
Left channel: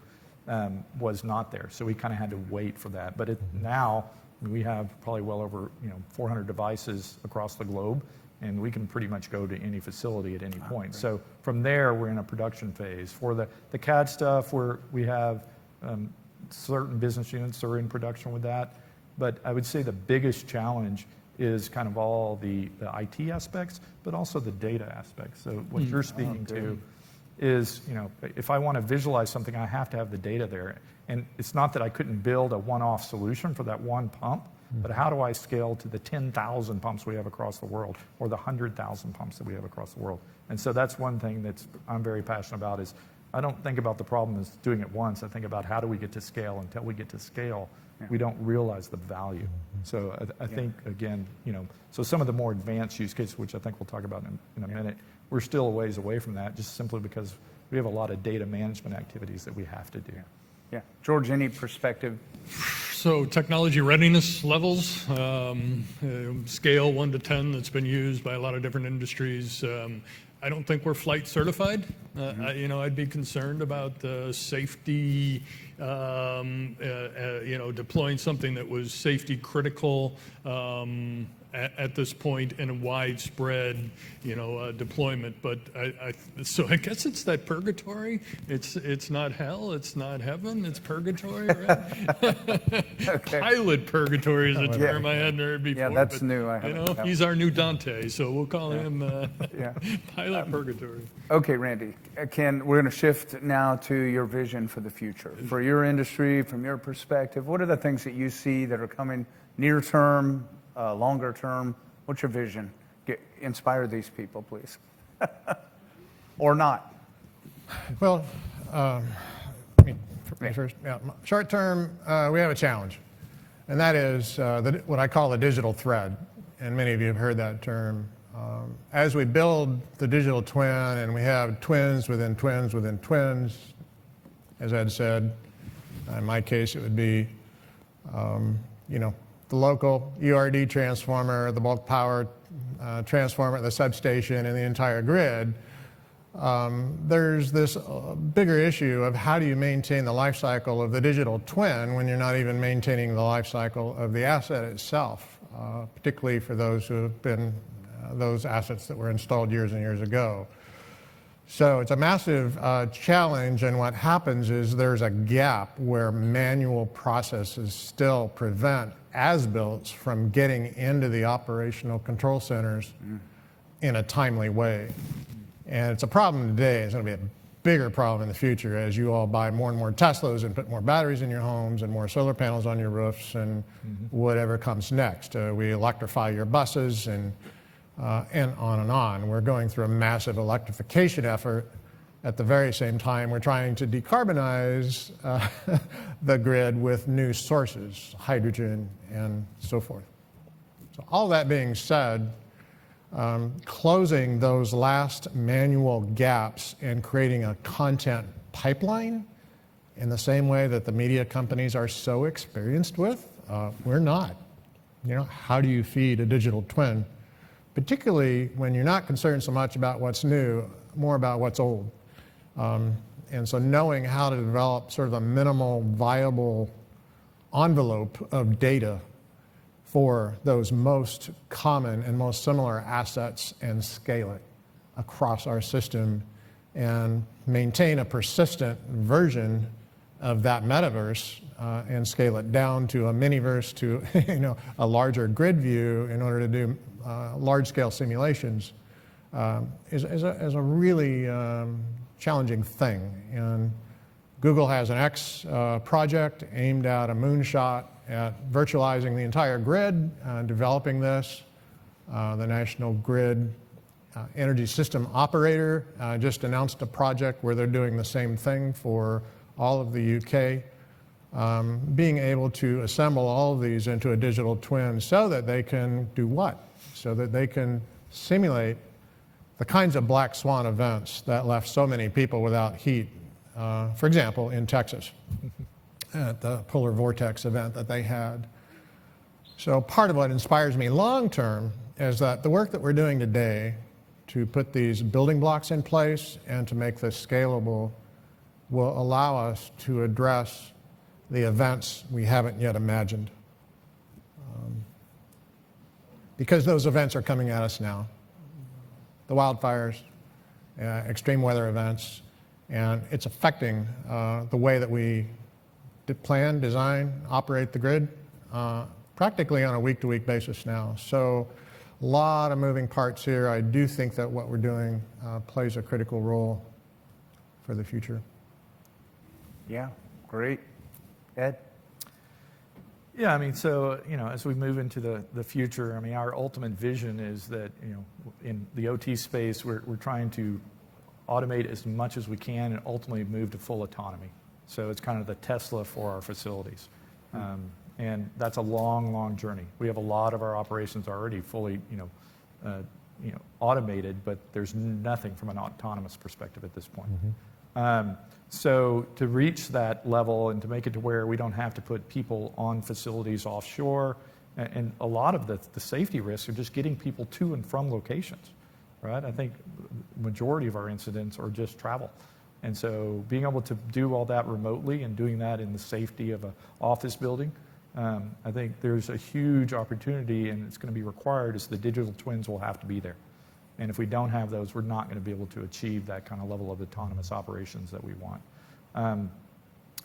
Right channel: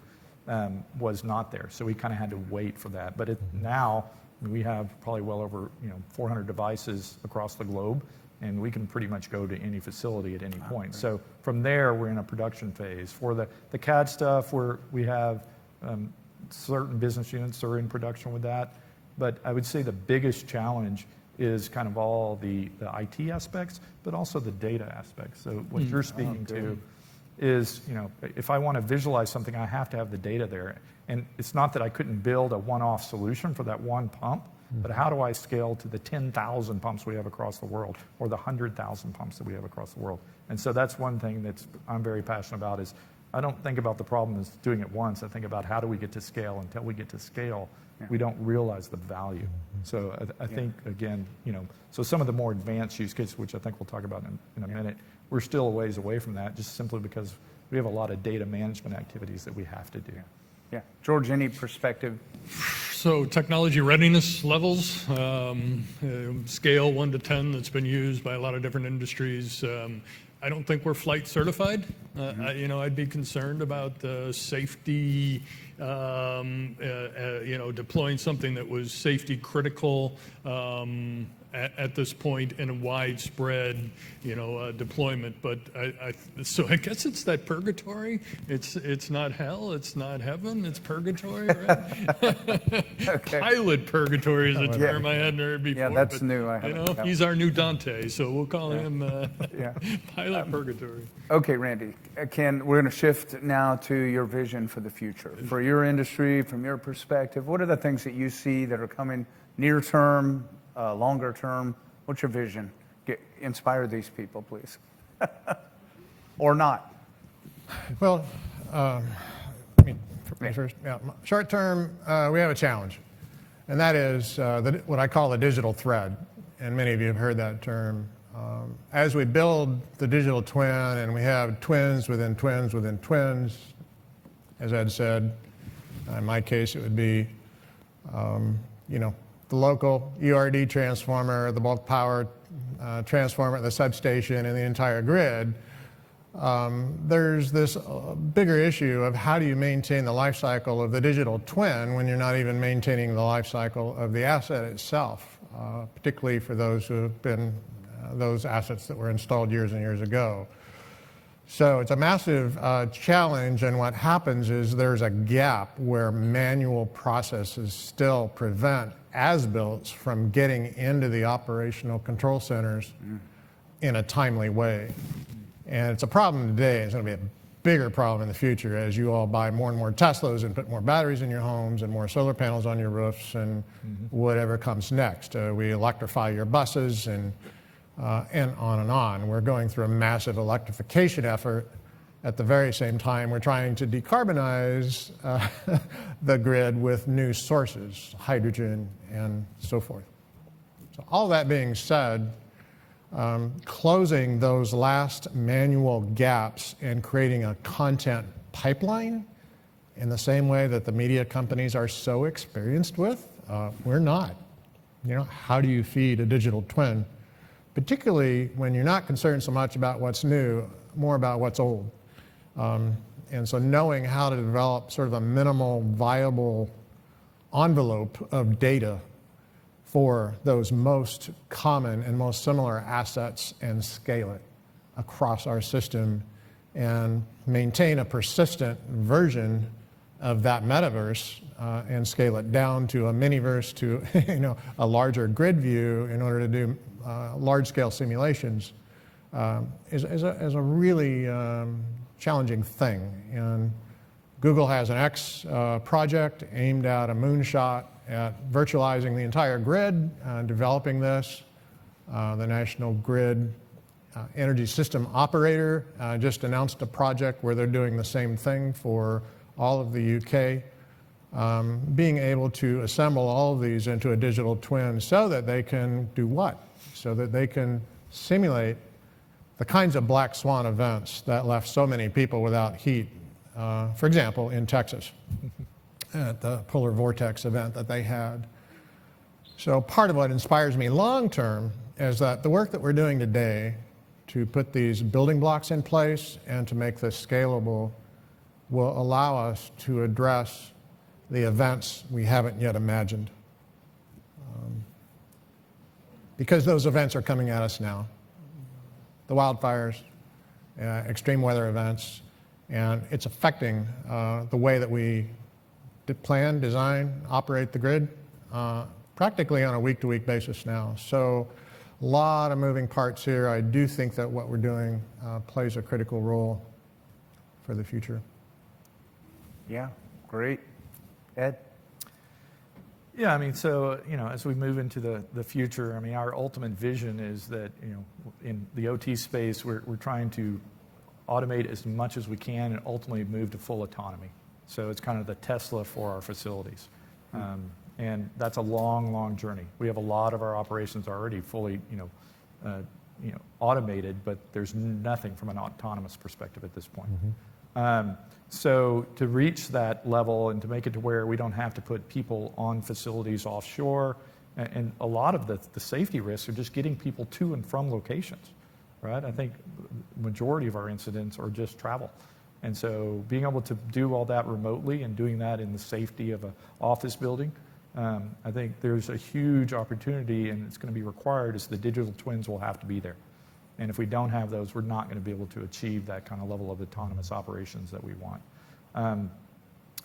was not there. So we kind of had to wait for that. But now we have probably well over 400 devices across the globe, and we can pretty much go to any facility at any point. So from there, we're in a production phase. For the CAD stuff, we have certain business units that are in production with that. But I would say the biggest challenge is kind of all the IT aspects, but also the data aspects. So what you're speaking to is, if I want to visualize something, I have to have the data there. And it's not that I couldn't build a one-off solution for that one pump, but how do I scale to the 10,000 pumps we have across the world, or the 100,000 pumps that we have across the world? And so that's one thing I'm very passionate about. Is I don't think about the problem as doing it once. I think about how do we get to scale. Until we get to scale, we don't realize the value. So I think, again, so some of the more advanced use cases, which I think we'll talk about in a minute, we're still a ways away from that, just simply because we have a lot of data management activities that we have to do. Yeah. George, any perspective? So technology readiness levels, scale 1 to 10 that's been used by a lot of different industries. I don't think we're flight certified. I'd be concerned about the safety, deploying something that was safety critical at this point in a widespread, deployment. But so I guess it's that purgatory. It's not hell. It's not heaven. It's purgatory, right? Okay. Pilot purgatory is a term I hadn't heard before. Yeah, that's new. He's our new Dante, so we'll call him Pilot Purgatory. Okay, Randy, we're going to shift now to your vision for the future. For your industry, from your perspective, what are the things that you see that are coming near term, longer term? What's your vision? Inspire these people, please. Or not. Well, first, short term, we have a challenge, and that is what I call the digital thread. And many of you have heard that term. As we build the digital twin, and we have twins within twins within twins, as Ed said, in my case, it would be, the local URD transformer, the bulk power transformer, the substation, and the entire grid. There's this bigger issue of how do you maintain the life cycle of the digital twin when you're not even maintaining the life cycle of the asset itself, particularly for those who have been those assets that were installed years and years ago. So it's a massive challenge, and what happens is there's a gap where manual processes still prevent as-builts from getting into the operational control centers in a timely way. And it's a problem today. It's going to be a bigger problem in the future as you all buy more and more Teslas and put more batteries in your homes and more solar panels on your roofs and whatever comes next. We electrify your buses and on and on. We're going through a massive electrification effort, at the very same time, we're trying to decarbonize the grid with new sources, hydrogen and so forth. So all that being said, closing those last manual gaps and creating a content pipeline in the same way that the media companies are so experienced with, we're not. How do you feed a digital twin? Particularly when you're not concerned so much about what's new, more about what's old. And so knowing how to develop sort of a minimal viable envelope of data for those most common and most similar assets and scale it across our system and maintain a persistent version of that metaverse and scale it down to a miniverse to a larger grid view in order to do large-scale simulations is a really challenging thing. And Google has an X project aimed at a moonshot at virtualizing the entire grid, developing this. The National Grid Energy System Operator just announced a project where they're doing the same thing for all of the UK. Being able to assemble all of these into a digital twin so that they can do what? So that they can simulate the kinds of black swan events that left so many people without heat, for example, in Texas at the polar vortex event that they had. So part of what inspires me long term is that the work that we're doing today to put these building blocks in place and to make this scalable will allow us to address the events we haven't yet imagined. Because those events are coming at us now. The wildfires, extreme weather events, and it's affecting the way that we plan, design, operate the grid practically on a week-to-week basis now. So a lot of moving parts here. I do think that what we're doing plays a critical role for the future. Yeah, great. Ed? Yeah, I mean, so, as we move into the future, I mean, our ultimate vision is that, in the OT space, we're trying to automate as much as we can and ultimately move to full autonomy. So it's kind of the Tesla for our facilities. And that's a long, long journey. We have a lot of our operations already fully, automated, but there's nothing from an autonomous perspective at this point. So to reach that level and to make it to where we don't have to put people on facilities offshore, and a lot of the safety risks are just getting people to and from locations, right? I think the majority of our incidents are just travel. And so being able to do all that remotely and doing that in the safety of an office building, I think there's a huge opportunity, and it's going to be required is the digital twins will have to be there. And if we don't have those, we're not going to be able to achieve that kind of level of autonomous operations that we want.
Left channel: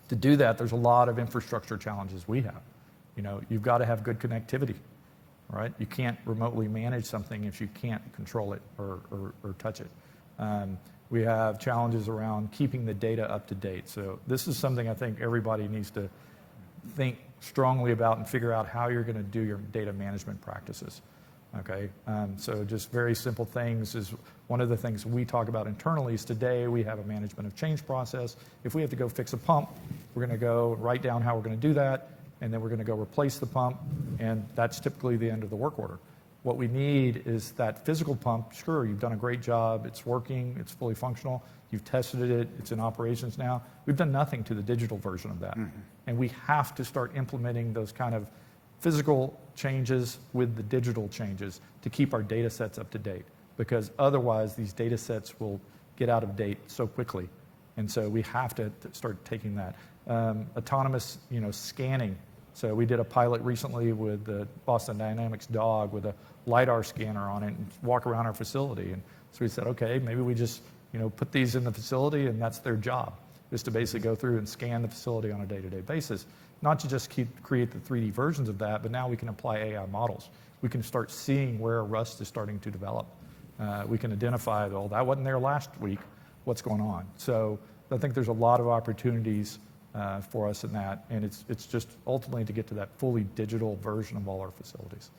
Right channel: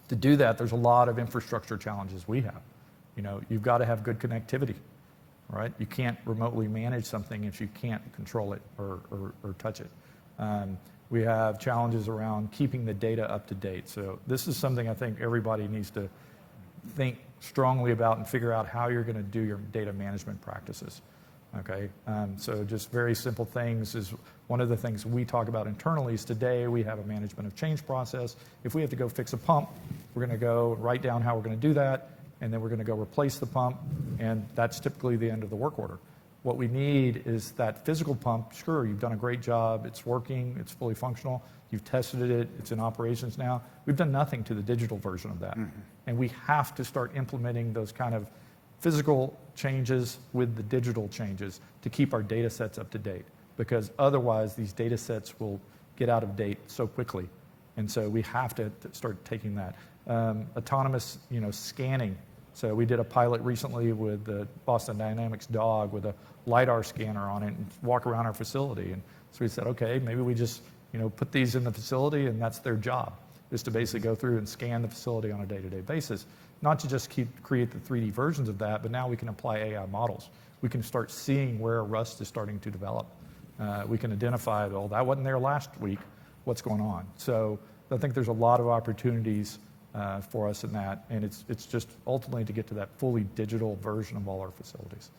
To do that, there's a lot of infrastructure challenges we have. You've got to have good connectivity, right? You can't remotely manage something if you can't control it or touch it. We have challenges around keeping the data up to date. So this is something I think everybody needs to think strongly about and figure out how you're going to do your data management practices. Okay, so just very simple things is one of the things we talk about internally is today we have a management of change process. If we have to go fix a pump, we're going to go write down how we're going to do that, and then we're going to go replace the pump, and that's typically the end of the work order. What we need is that physical pump. Sure, you've done a great job. It's working. It's fully functional. You've tested it. It's in operations now. We've done nothing to the digital version of that, and we have to start implementing those kind of physical changes with the digital changes to keep our data sets up to date, because otherwise these data sets will get out of date so quickly. And so we have to start taking that. Autonomous, scanning. So we did a pilot recently with the Boston Dynamics dog with a LiDAR scanner on it and walk around our facility. And so we said, okay, maybe we just, put these in the facility and that's their job, is to basically go through and scan the facility on a day-to-day basis. Not to just create the 3D versions of that, but now we can apply AI models. We can start seeing where rust is starting to develop. We can identify, well, that wasn't there last week, what's going on? So I think there's a lot of opportunities for us in that, and it's just ultimately to get to that fully digital version of all our facilities.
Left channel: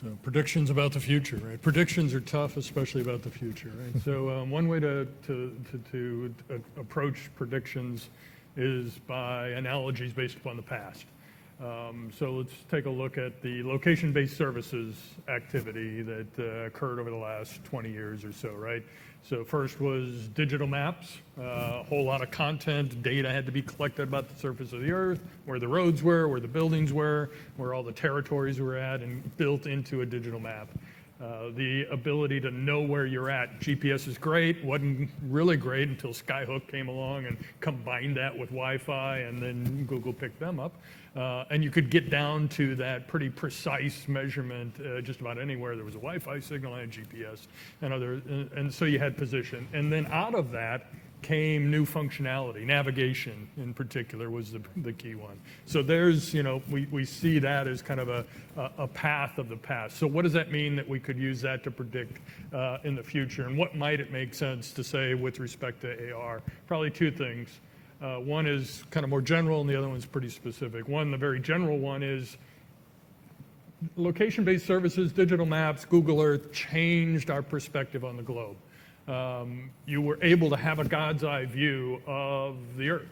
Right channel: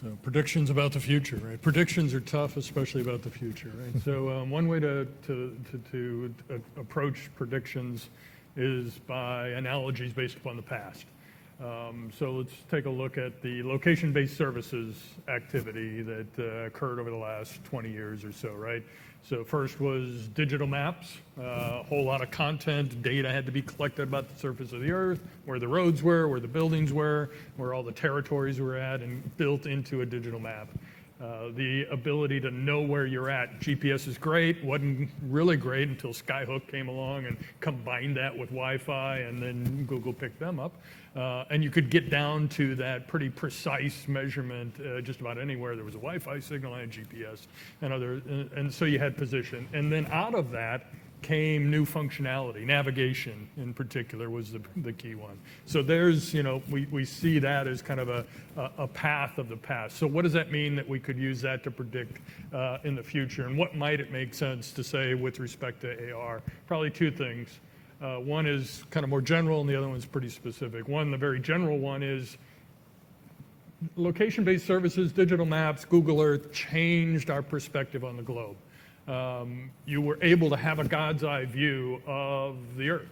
So predictions about the future, right? Predictions are tough, especially about the future, right? So one way to approach predictions is by analogies based upon the past. So let's take a look at the location-based services activity that occurred over the last 20 years or so, right? So first was digital maps, a whole lot of content, data had to be collected about the surface of the earth, where the roads were, where the buildings were, where all the territories were at, and built into a digital map. The ability to know where you're at. GPS is great, wasn't really great until Skyhook came along and combined that with Wi-Fi, and then Google picked them up. And you could get down to that pretty precise measurement just about anywhere. There was a Wi-Fi signal and GPS, and so you had position. And then out of that came new functionality. Navigation, in particular, was the key one. So there's, we see that as kind of a path of the past. So what does that mean that we could use that to predict in the future? And what might it make sense to say with respect to AR? Probably two things. One is kind of more general, and the other one's pretty specific. One, the very general one, is location-based services, digital maps, Google Earth changed our perspective on the globe. You were able to have a God's eye view of the earth.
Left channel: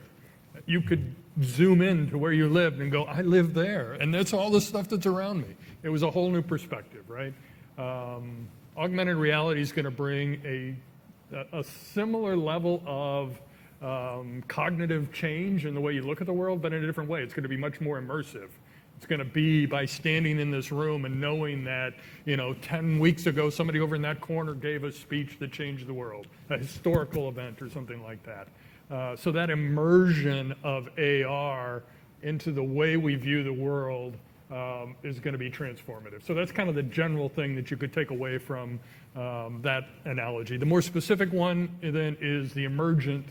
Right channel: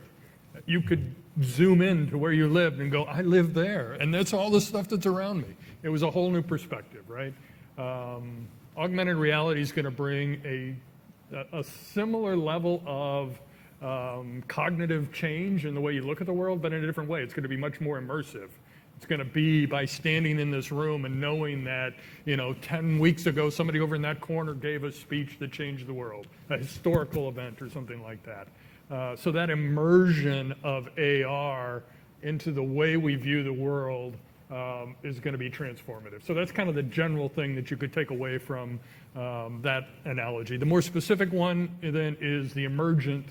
You could zoom in to where you lived and go, I live there, and that's all the stuff that's around me. It was a whole new perspective, right? Augmented reality is going to bring a similar level of cognitive change in the way you look at the world, but in a different way. It's going to be much more immersive. It's going to be by standing in this room and knowing that, 10 weeks ago, somebody over in that corner gave a speech that changed the world, a historical event or something like that. So that immersion of AR into the way we view the world is going to be transformative. So that's kind of the general thing that you could take away from that analogy. The more specific one then is the emergent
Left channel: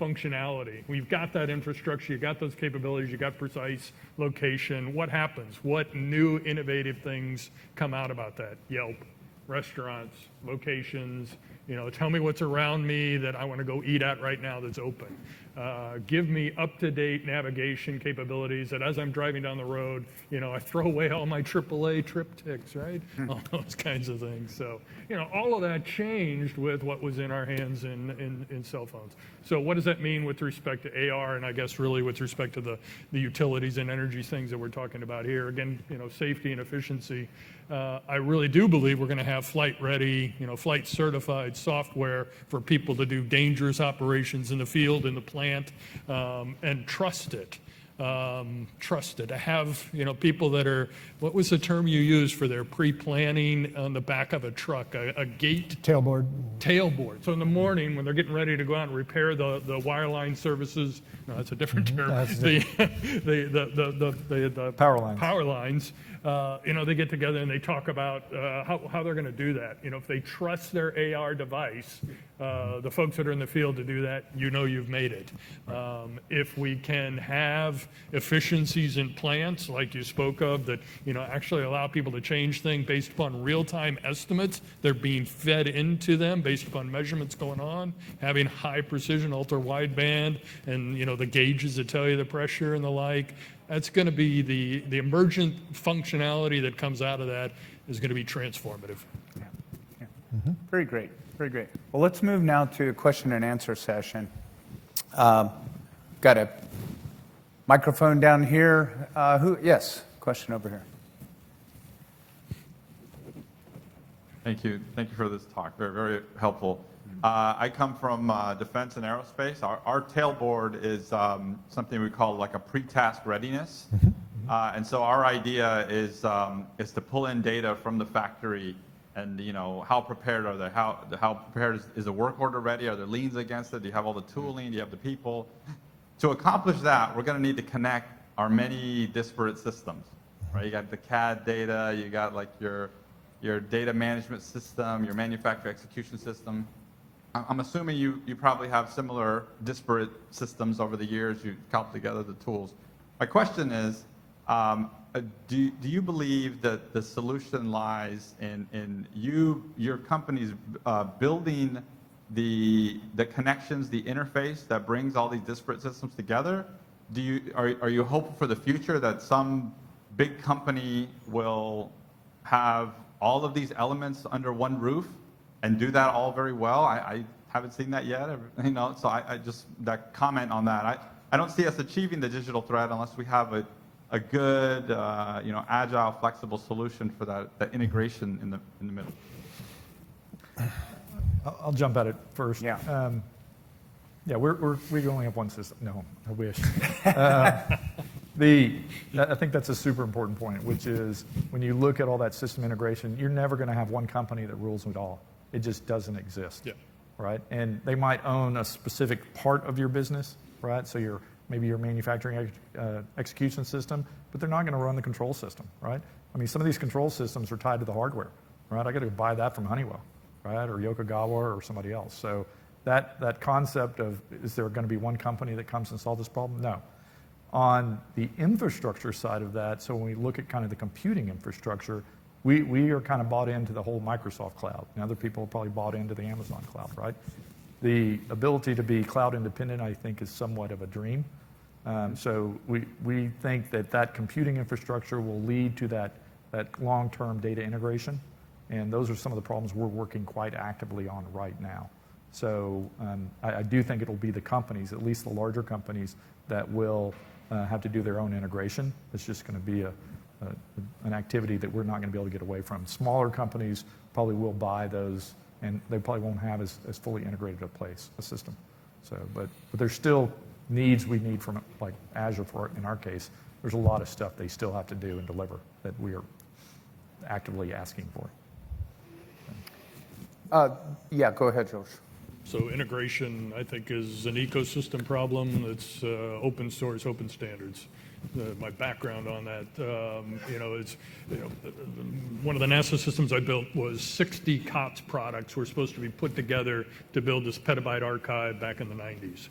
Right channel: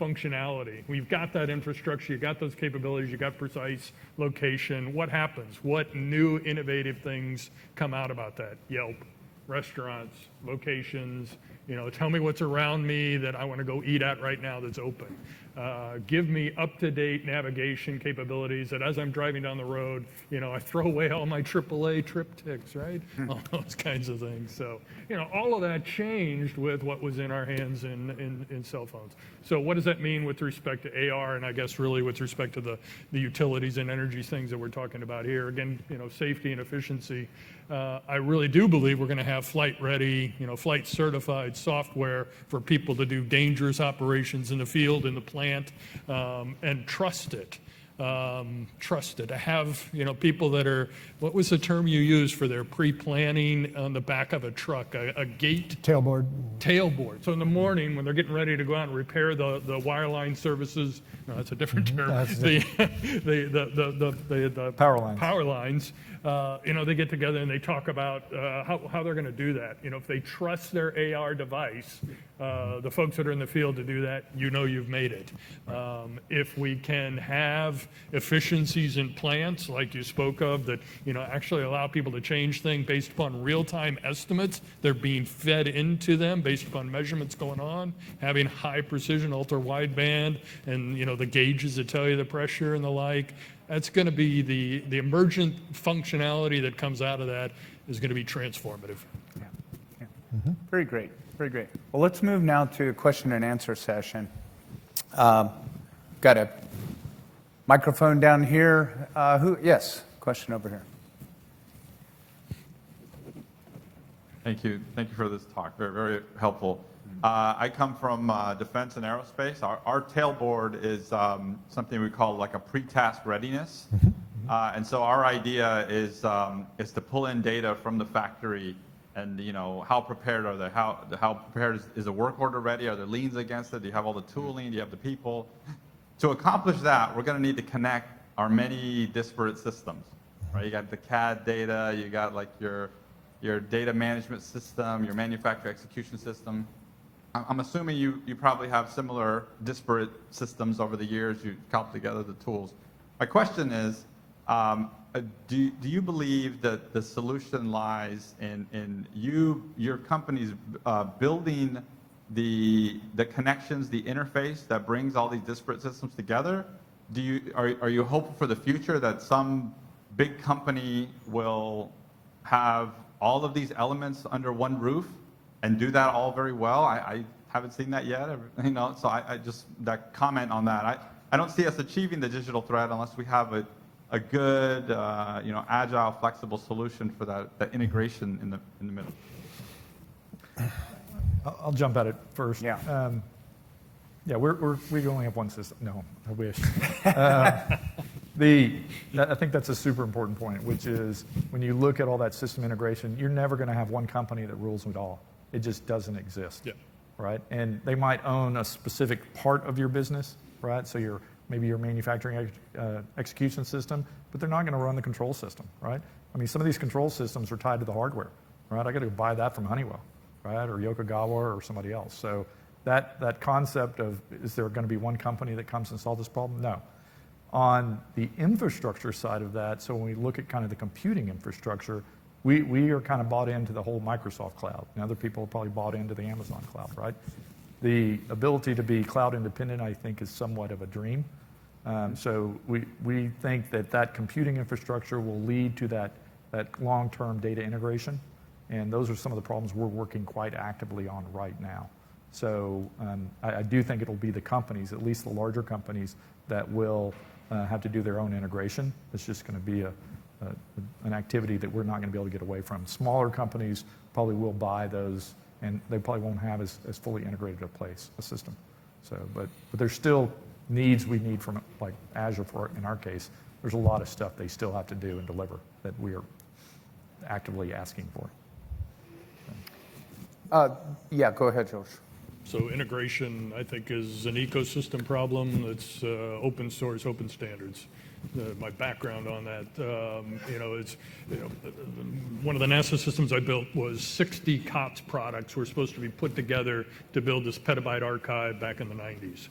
functionality. We've got that infrastructure, you got those capabilities, you got precise location. What happens? What new innovative things come out about that? Yelp, restaurants, locations, tell me what's around me that I want to go eat at right now that's open. Give me up-to-date navigation capabilities that as I'm driving down the road, I throw away all my AAA triptychs, right? All those kinds of things. So, all of that changed with what was in our hands in cell phones. So what does that mean with respect to AR, and I guess really with respect to the utilities and energy things that we're talking about here? Again, safety and efficiency. I really do believe we're going to have flight-ready, flight-certified software for people to do dangerous operations in the field, in the plant, and trust it. To have people that are, what was the term you used for their pre-planning on the back of a truck, a gate Tailboard. So in the morning when they're getting ready to go out and repair the wireline services, no, that's a different term. The power lines. They get together and they talk about how they're going to do that. If they trust their AR device, the folks that are in the field to do that, you've made it. If we can have efficiencies in plants, like you spoke of, that actually allow people to change things based upon real-time estimates, they're being fed into them based upon measurements going on, having high precision, ultra-wideband, and the gauges that tell you the pressure and the like. That's going to be the emergent functionality that comes out of that is going to be transformative. Yeah. Mm-hmm. Very great. Very great. Well, let's move now to a question and answer session. Got a microphone down here. Yes, question over here. Thank you. Thank you for this talk. Very, very helpful. I come from defense and aerospace. Our tailboard is something we call like a Pretask Readiness. And so our idea is to pull in data from the factory and, how prepared are they? How prepared is the work order ready? Are there liens against it? Do you have all the tooling? Do you have the people? To accomplish that, we're going to need to connect our many disparate systems, right? You got the CAD data, you got like your data management system, your manufacturer execution system. I'm assuming you probably have similar disparate systems over the years. You've cobbled together the tools. My question is, do you believe that the solution lies in your company's building the connections, the interface that brings all these disparate systems together? Are you hopeful for the future that some big company will have all of these elements under one roof and do that all very well. I haven't seen that yet, you know, so I just, that comment on that, I don't see us achieving the digital thread unless we have a good, you know, agile, flexible solution for that integration in the middle. I'll jump at it first. Yeah. Yeah, we only have one system. No, I wish. I think that's a super important point, which is when you look at all that system integration, you're never going to have one company that rules it all. It just doesn't exist. Yeah. Right? And they might own a specific part of your business, right? So maybe your manufacturing execution system, but they're not going to run the control system, right? I mean, some of these control systems are tied to the hardware, right? I got to buy that from Honeywell, right? Or Yokogawa or somebody else. So that concept of, is there going to be one company that comes and solves this problem? No. On the infrastructure side of that, so when we look at kind of the computing infrastructure, we are kind of bought into the whole Microsoft cloud. And other people are probably bought into the Amazon cloud, right? The ability to be cloud independent, I think, is somewhat of a dream. So we think that computing infrastructure will lead to that long-term data integration. And those are some of the problems we're working quite actively on right now. So I do think it'll be the companies, at least the larger companies, that will have to do their own integration. It's just going to be an activity that we're not going to be able to get away from. Smaller companies probably will buy those, and they probably won't have as fully integrated a system. So, but there's still needs we need from, like Azure, in our case. There's a lot of stuff they still have to do and deliver that we are actively asking for. Yeah, go ahead, Josh. So integration, I think, is an ecosystem problem that's open source, open standards. My background on that, you know, it's, you know, one of the NASA systems I built was 60 COTS products were supposed to be put together to build this petabyte archive back in the 90s.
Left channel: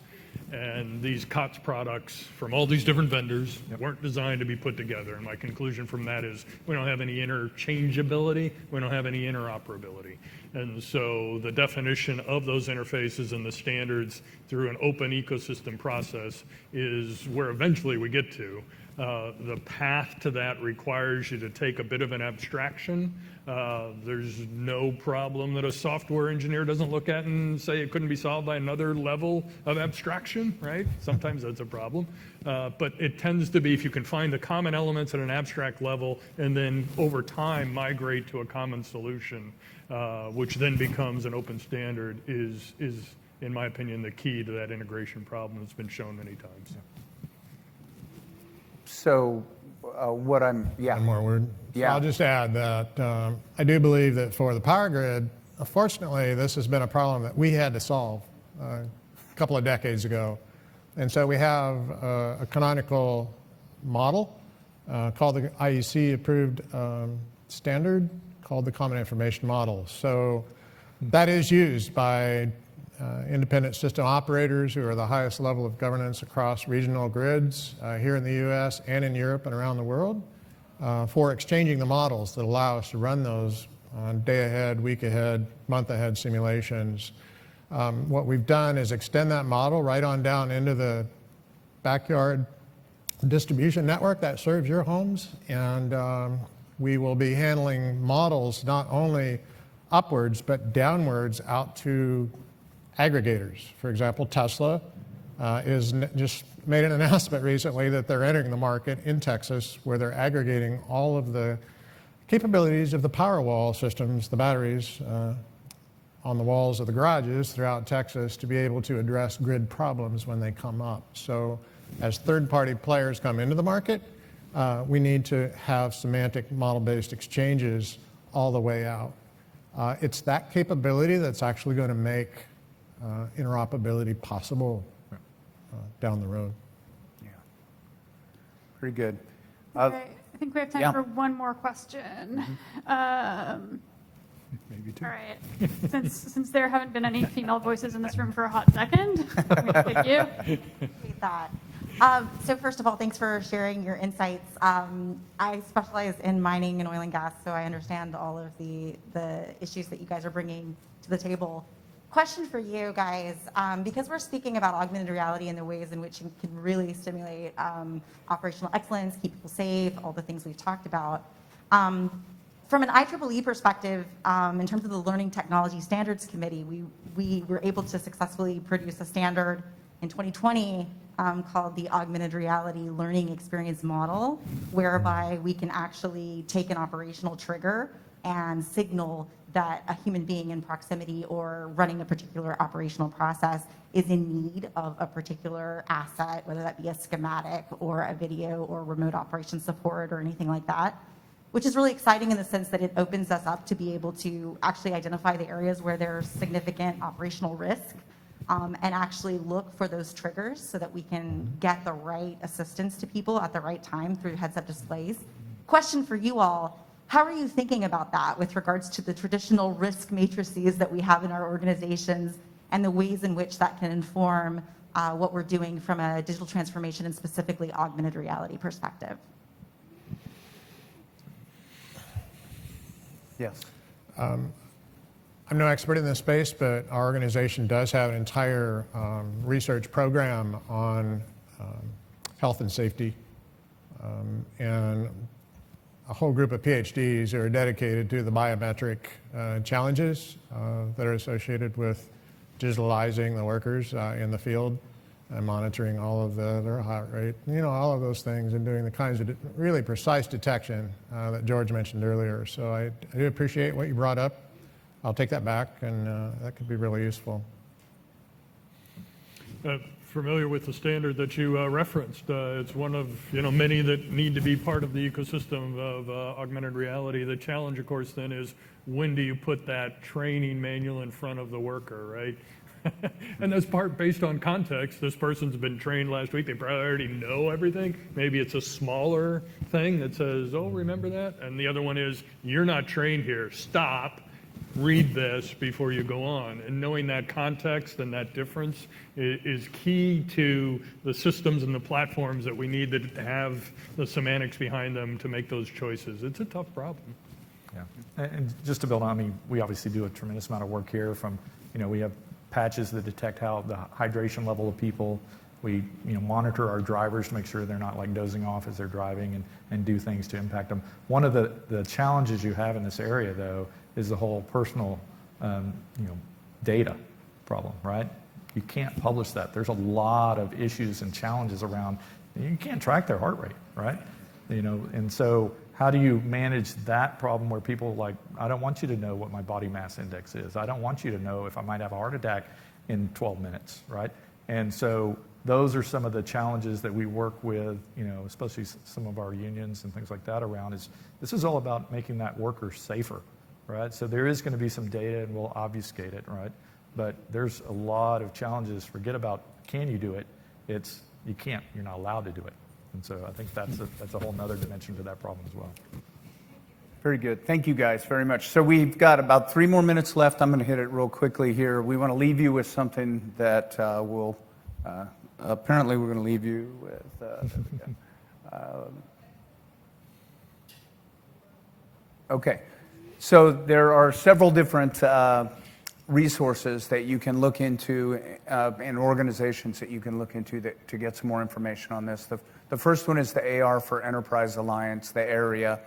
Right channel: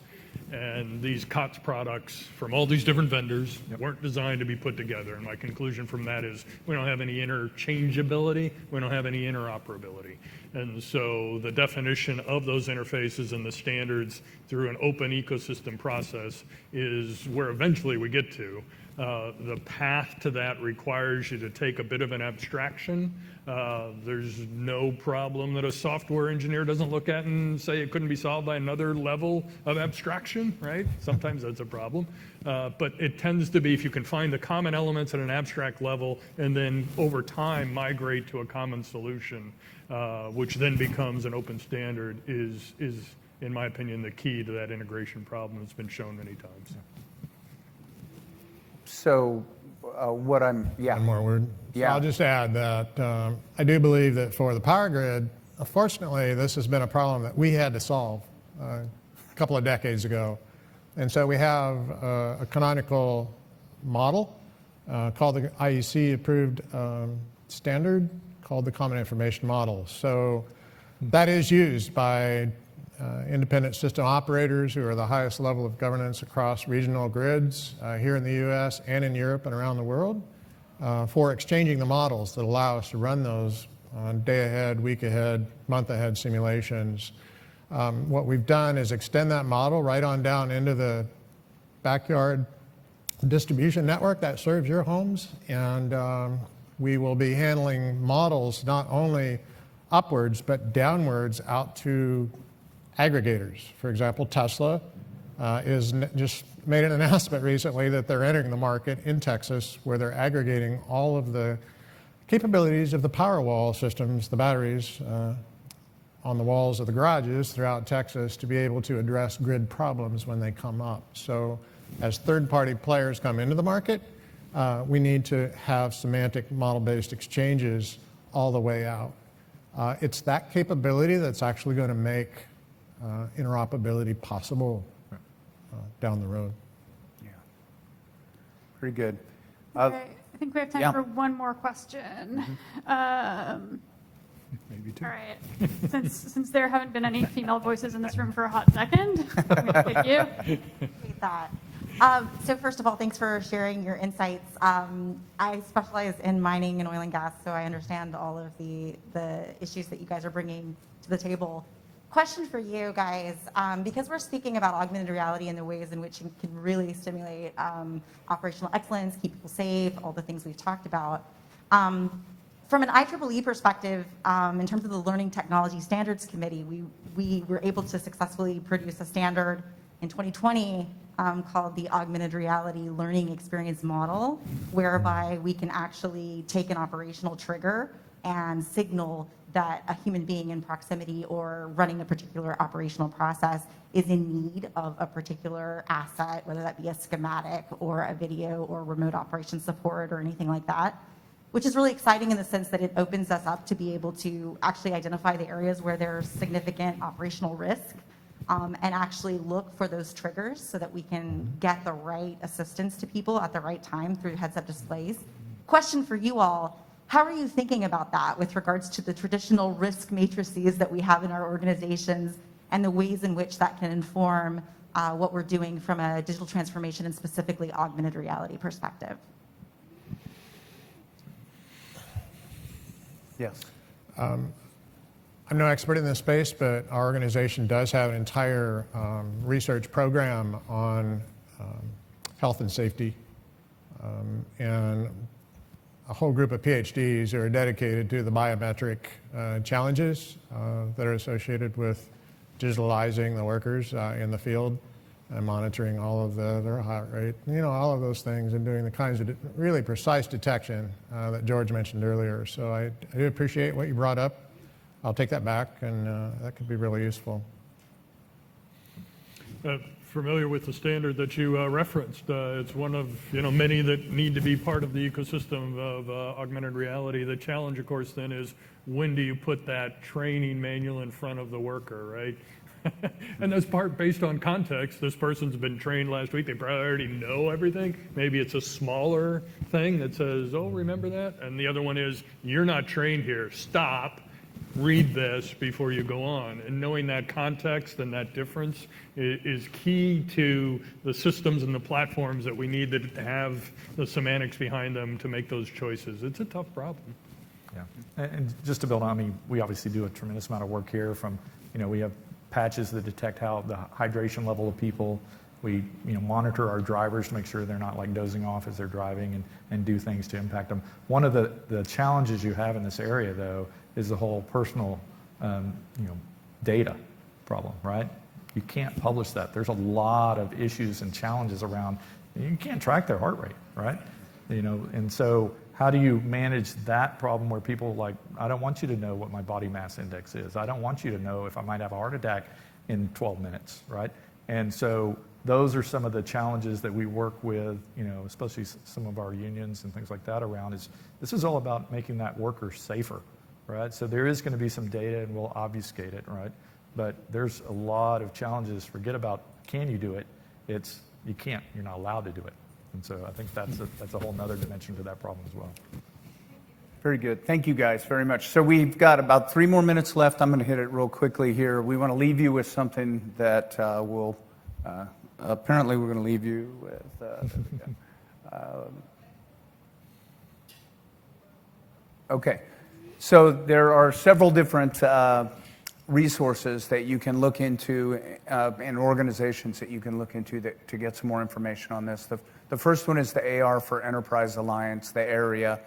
And these COTS products from all these different vendors weren't designed to be put together. And my conclusion from that is we don't have any interchangeability, we don't have any interoperability. And so the definition of those interfaces and the standards through an open ecosystem process is where eventually we get to. The path to that requires you to take a bit of an abstraction. There's no problem that a software engineer doesn't look at and say it couldn't be solved by another level of abstraction, right? Sometimes that's a problem. But it tends to be if you can find the common elements at an abstract level and then over time migrate to a common solution, which then becomes an open standard is, in my opinion, the key to that integration problem that's been shown many times. So yeah. One more word. Yeah. So I'll just add that I do believe that for the power grid, unfortunately, this has been a problem that we had to solve a couple of decades ago. And so we have a canonical model called the IEC approved standard called the Common Information Model. So that is used by independent system operators who are the highest level of governance across regional grids here in the US and in Europe and around the world for exchanging the models that allow us to run those on day ahead, week ahead, month ahead simulations. What we've done is extend that model right on down into the backyard distribution network that serves your homes, and we will be handling models not only upwards but downwards out to aggregators. For example, Tesla just made an announcement recently that they're entering the market in Texas where they're aggregating all of the capabilities of the Powerwall systems, the batteries on the walls of the garages throughout Texas to be able to address grid problems when they come up. So as third-party players come into the market, we need to have semantic model-based exchanges all the way out. It's that capability that's actually going to make interoperability possible down the road. Yeah. Pretty good. I think we have time yeah. for one more question. Maybe two. All right. Since there haven't been any female voices in this room for a hot second, thank you. Appreciate that. So first of all, thanks for sharing your insights. I specialize in mining and oil and gas, so I understand all of the issues that you guys are bringing to the table. Question for you guys, because we're speaking about augmented reality and the ways in which it can really stimulate operational excellence, keep people safe, all the things we've talked about. From an IEEE perspective, in terms of the Learning Technology Standards Committee, we were able to successfully produce a standard in 2020 called the Augmented Reality Learning Experience Model, whereby we can actually take an operational trigger and signal that a human being in proximity or running a particular operational process is in need of a particular asset, whether that be a schematic or a video or remote operation support or anything like that, which is really exciting in the sense that it opens us up to be able to actually identify the areas where there's significant operational risk, and actually look for those triggers so that we can get the right assistance to people at the right time through heads-up displays. Question for you all, how are you thinking about that with regards to the traditional risk matrices that we have in our organizations and the ways in which that can inform what we're doing from a digital transformation and specifically augmented reality perspective? Yes. I'm no expert in this space, but our organization does have an entire research program on health and safety, and a whole group of PhDs who are dedicated to the biometric challenges that are associated with digitalizing the workers in the field and monitoring all of their heart rate, all of those things, and doing the kinds of really precise detection that George mentioned earlier. So I do appreciate what you brought up. I'll take that back, and that could be really useful. Familiar with the standard that you referenced. It's one of many that need to be part of the ecosystem of augmented reality. The challenge, of course, then is when do you put that training manual in front of the worker, right? And that's part based on context. This person's been trained last week. They probably already know everything. Maybe it's a smaller thing that says, oh, remember that? And the other one is, you're not trained here. Stop. Read this before you go on. And knowing that context and that difference is key to the systems and the platforms that we need to have the semantics behind them to make those choices. It's a tough problem. Yeah, and just to build on, we obviously do a tremendous amount of work here from, we have patches that detect how the hydration level of people. We monitor our drivers to make sure they're not like dozing off as they're driving and do things to impact them. One of the challenges you have in this area, though, is the whole personal data problem, right? You can't publish that. There's a lot of issues and challenges around. You can't track their heart rate, right? And so how do you manage that problem where people like, I don't want you to know what my body mass index is. I don't want you to know if I might have a heart attack in 12 minutes, right? And so those are some of the challenges that we work with, especially some of our unions and things like that around. This is all about making that worker safer, right? So there is going to be some data, and we'll obfuscate it, right? But there's a lot of challenges. Forget about can you do it? It's you can't. You're not allowed to do it. And so I think that's a whole nother dimension to that problem as well. Very good. Thank you guys very much. So we've got about 3 more minutes left. I'm going to hit it real quickly here. We want to leave you with something that will apparently we're going to leave you with. Okay. So there are several different resources that you can look into and organizations that you can look into to get some more information on this. The first one is the AR for Enterprise Alliance, the area.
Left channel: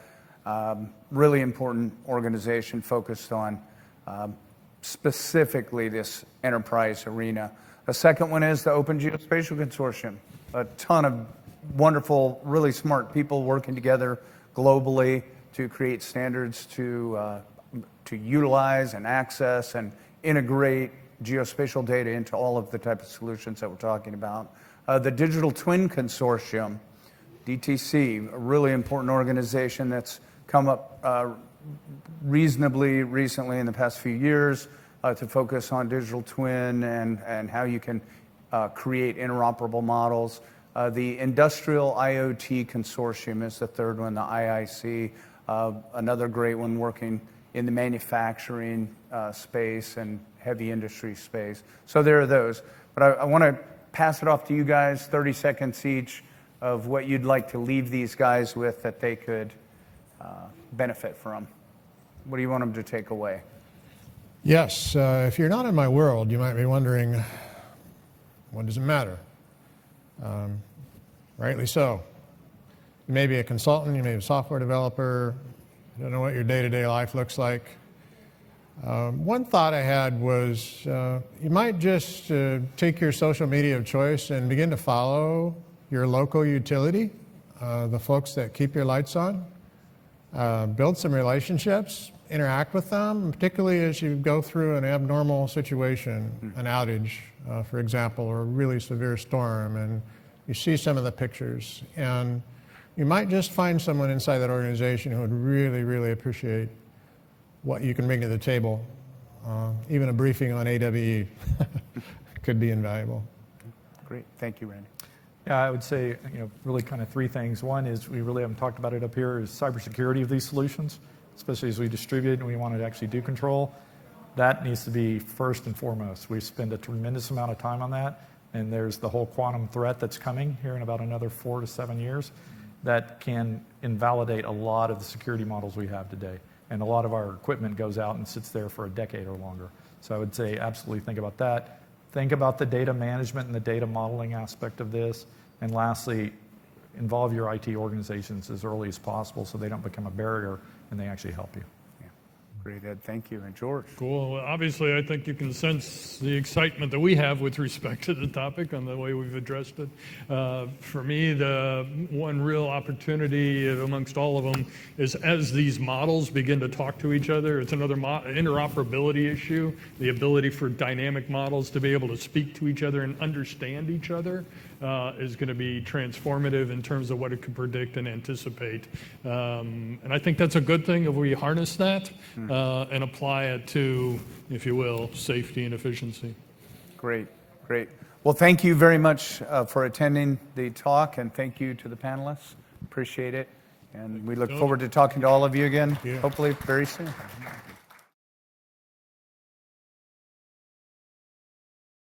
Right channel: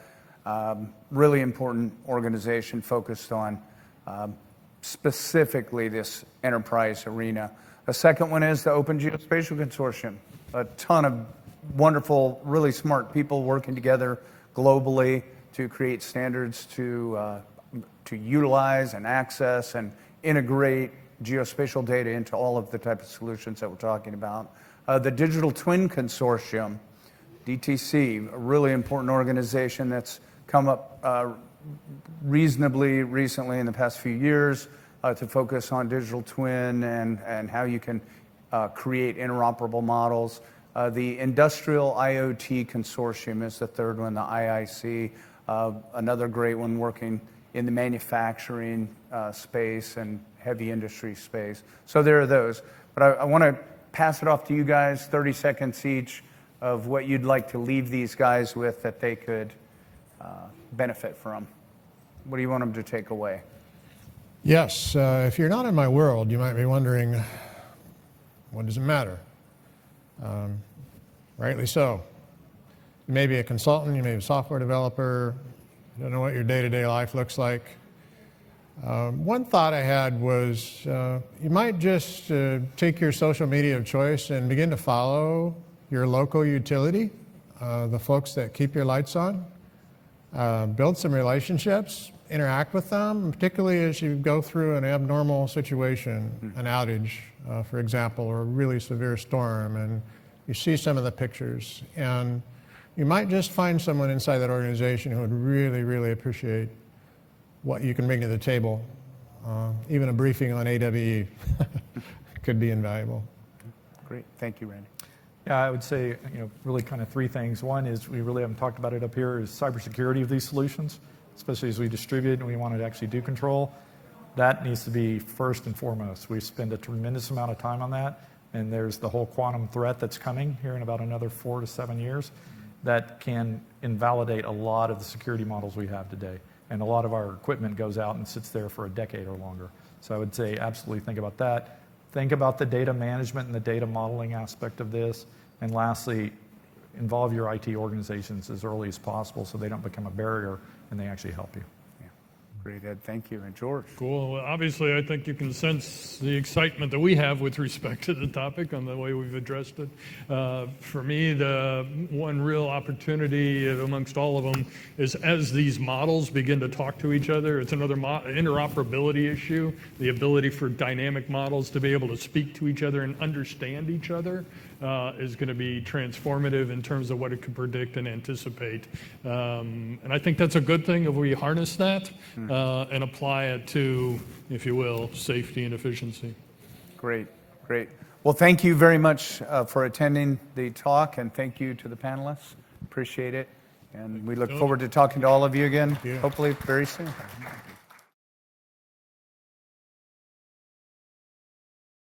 Really important organization focused on specifically this enterprise arena. A second one is the Open Geospatial Consortium. A ton of wonderful, really smart people working together globally to create standards to utilize and access and integrate geospatial data into all of the type of solutions that we're talking about. The Digital Twin Consortium, DTC, a really important organization that's come up reasonably recently in the past few years to focus on digital twin and how you can create interoperable models. The Industrial IoT Consortium is the third one, the IIC, another great one working in the manufacturing space and heavy industry space. So there are those. But I want to pass it off to you guys, 30 seconds each, of what you'd like to leave these guys with that they could benefit from. What do you want them to take away? Yes, if you're not in my world, you might be wondering, what does it matter? Rightly so. You may be a consultant, you may be a software developer, don't know what your day-to-day life looks like. One thought I had was you might just take your social media of choice and begin to follow your local utility, the folks that keep your lights on. Build some relationships, interact with them, particularly as you go through an abnormal situation, an outage, for example, or a really severe storm, and you see some of the pictures. And you might just find someone inside that organization who would really, really appreciate what you can bring to the table. Even a briefing on AWE could be invaluable. Great. Thank you, Randy. Yeah, I would say, really kind of three things. One is, we really haven't talked about it up here, is cybersecurity of these solutions, especially as we distribute and we want to actually do control. That needs to be first and foremost. We spend a tremendous amount of time on that, and there's the whole quantum threat that's coming here in about another 4 to 7 years that can invalidate a lot of the security models we have today. And a lot of our equipment goes out and sits there for a decade or longer. So I would say absolutely think about that. Think about the data management and the data modeling aspect of this. And lastly, involve your IT organizations as early as possible so they don't become a barrier and they actually help you. Yeah. Great, Ed. Thank you. And George? Cool. Well, obviously, I think you can sense the excitement that we have with respect to the topic and the way we've addressed it. For me, the one real opportunity amongst all of them is as these models begin to talk to each other, it's another interoperability issue, the ability for dynamic models to be able to speak to each other and understand each other. Is going to be transformative in terms of what it can predict and anticipate. And I think that's a good thing if we harness that and apply it to, if you will, safety and efficiency. Great, great. Well, thank you very much for attending the talk, and thank you to the panelists. Appreciate it. And we look forward to talking to all of you again, hopefully very soon.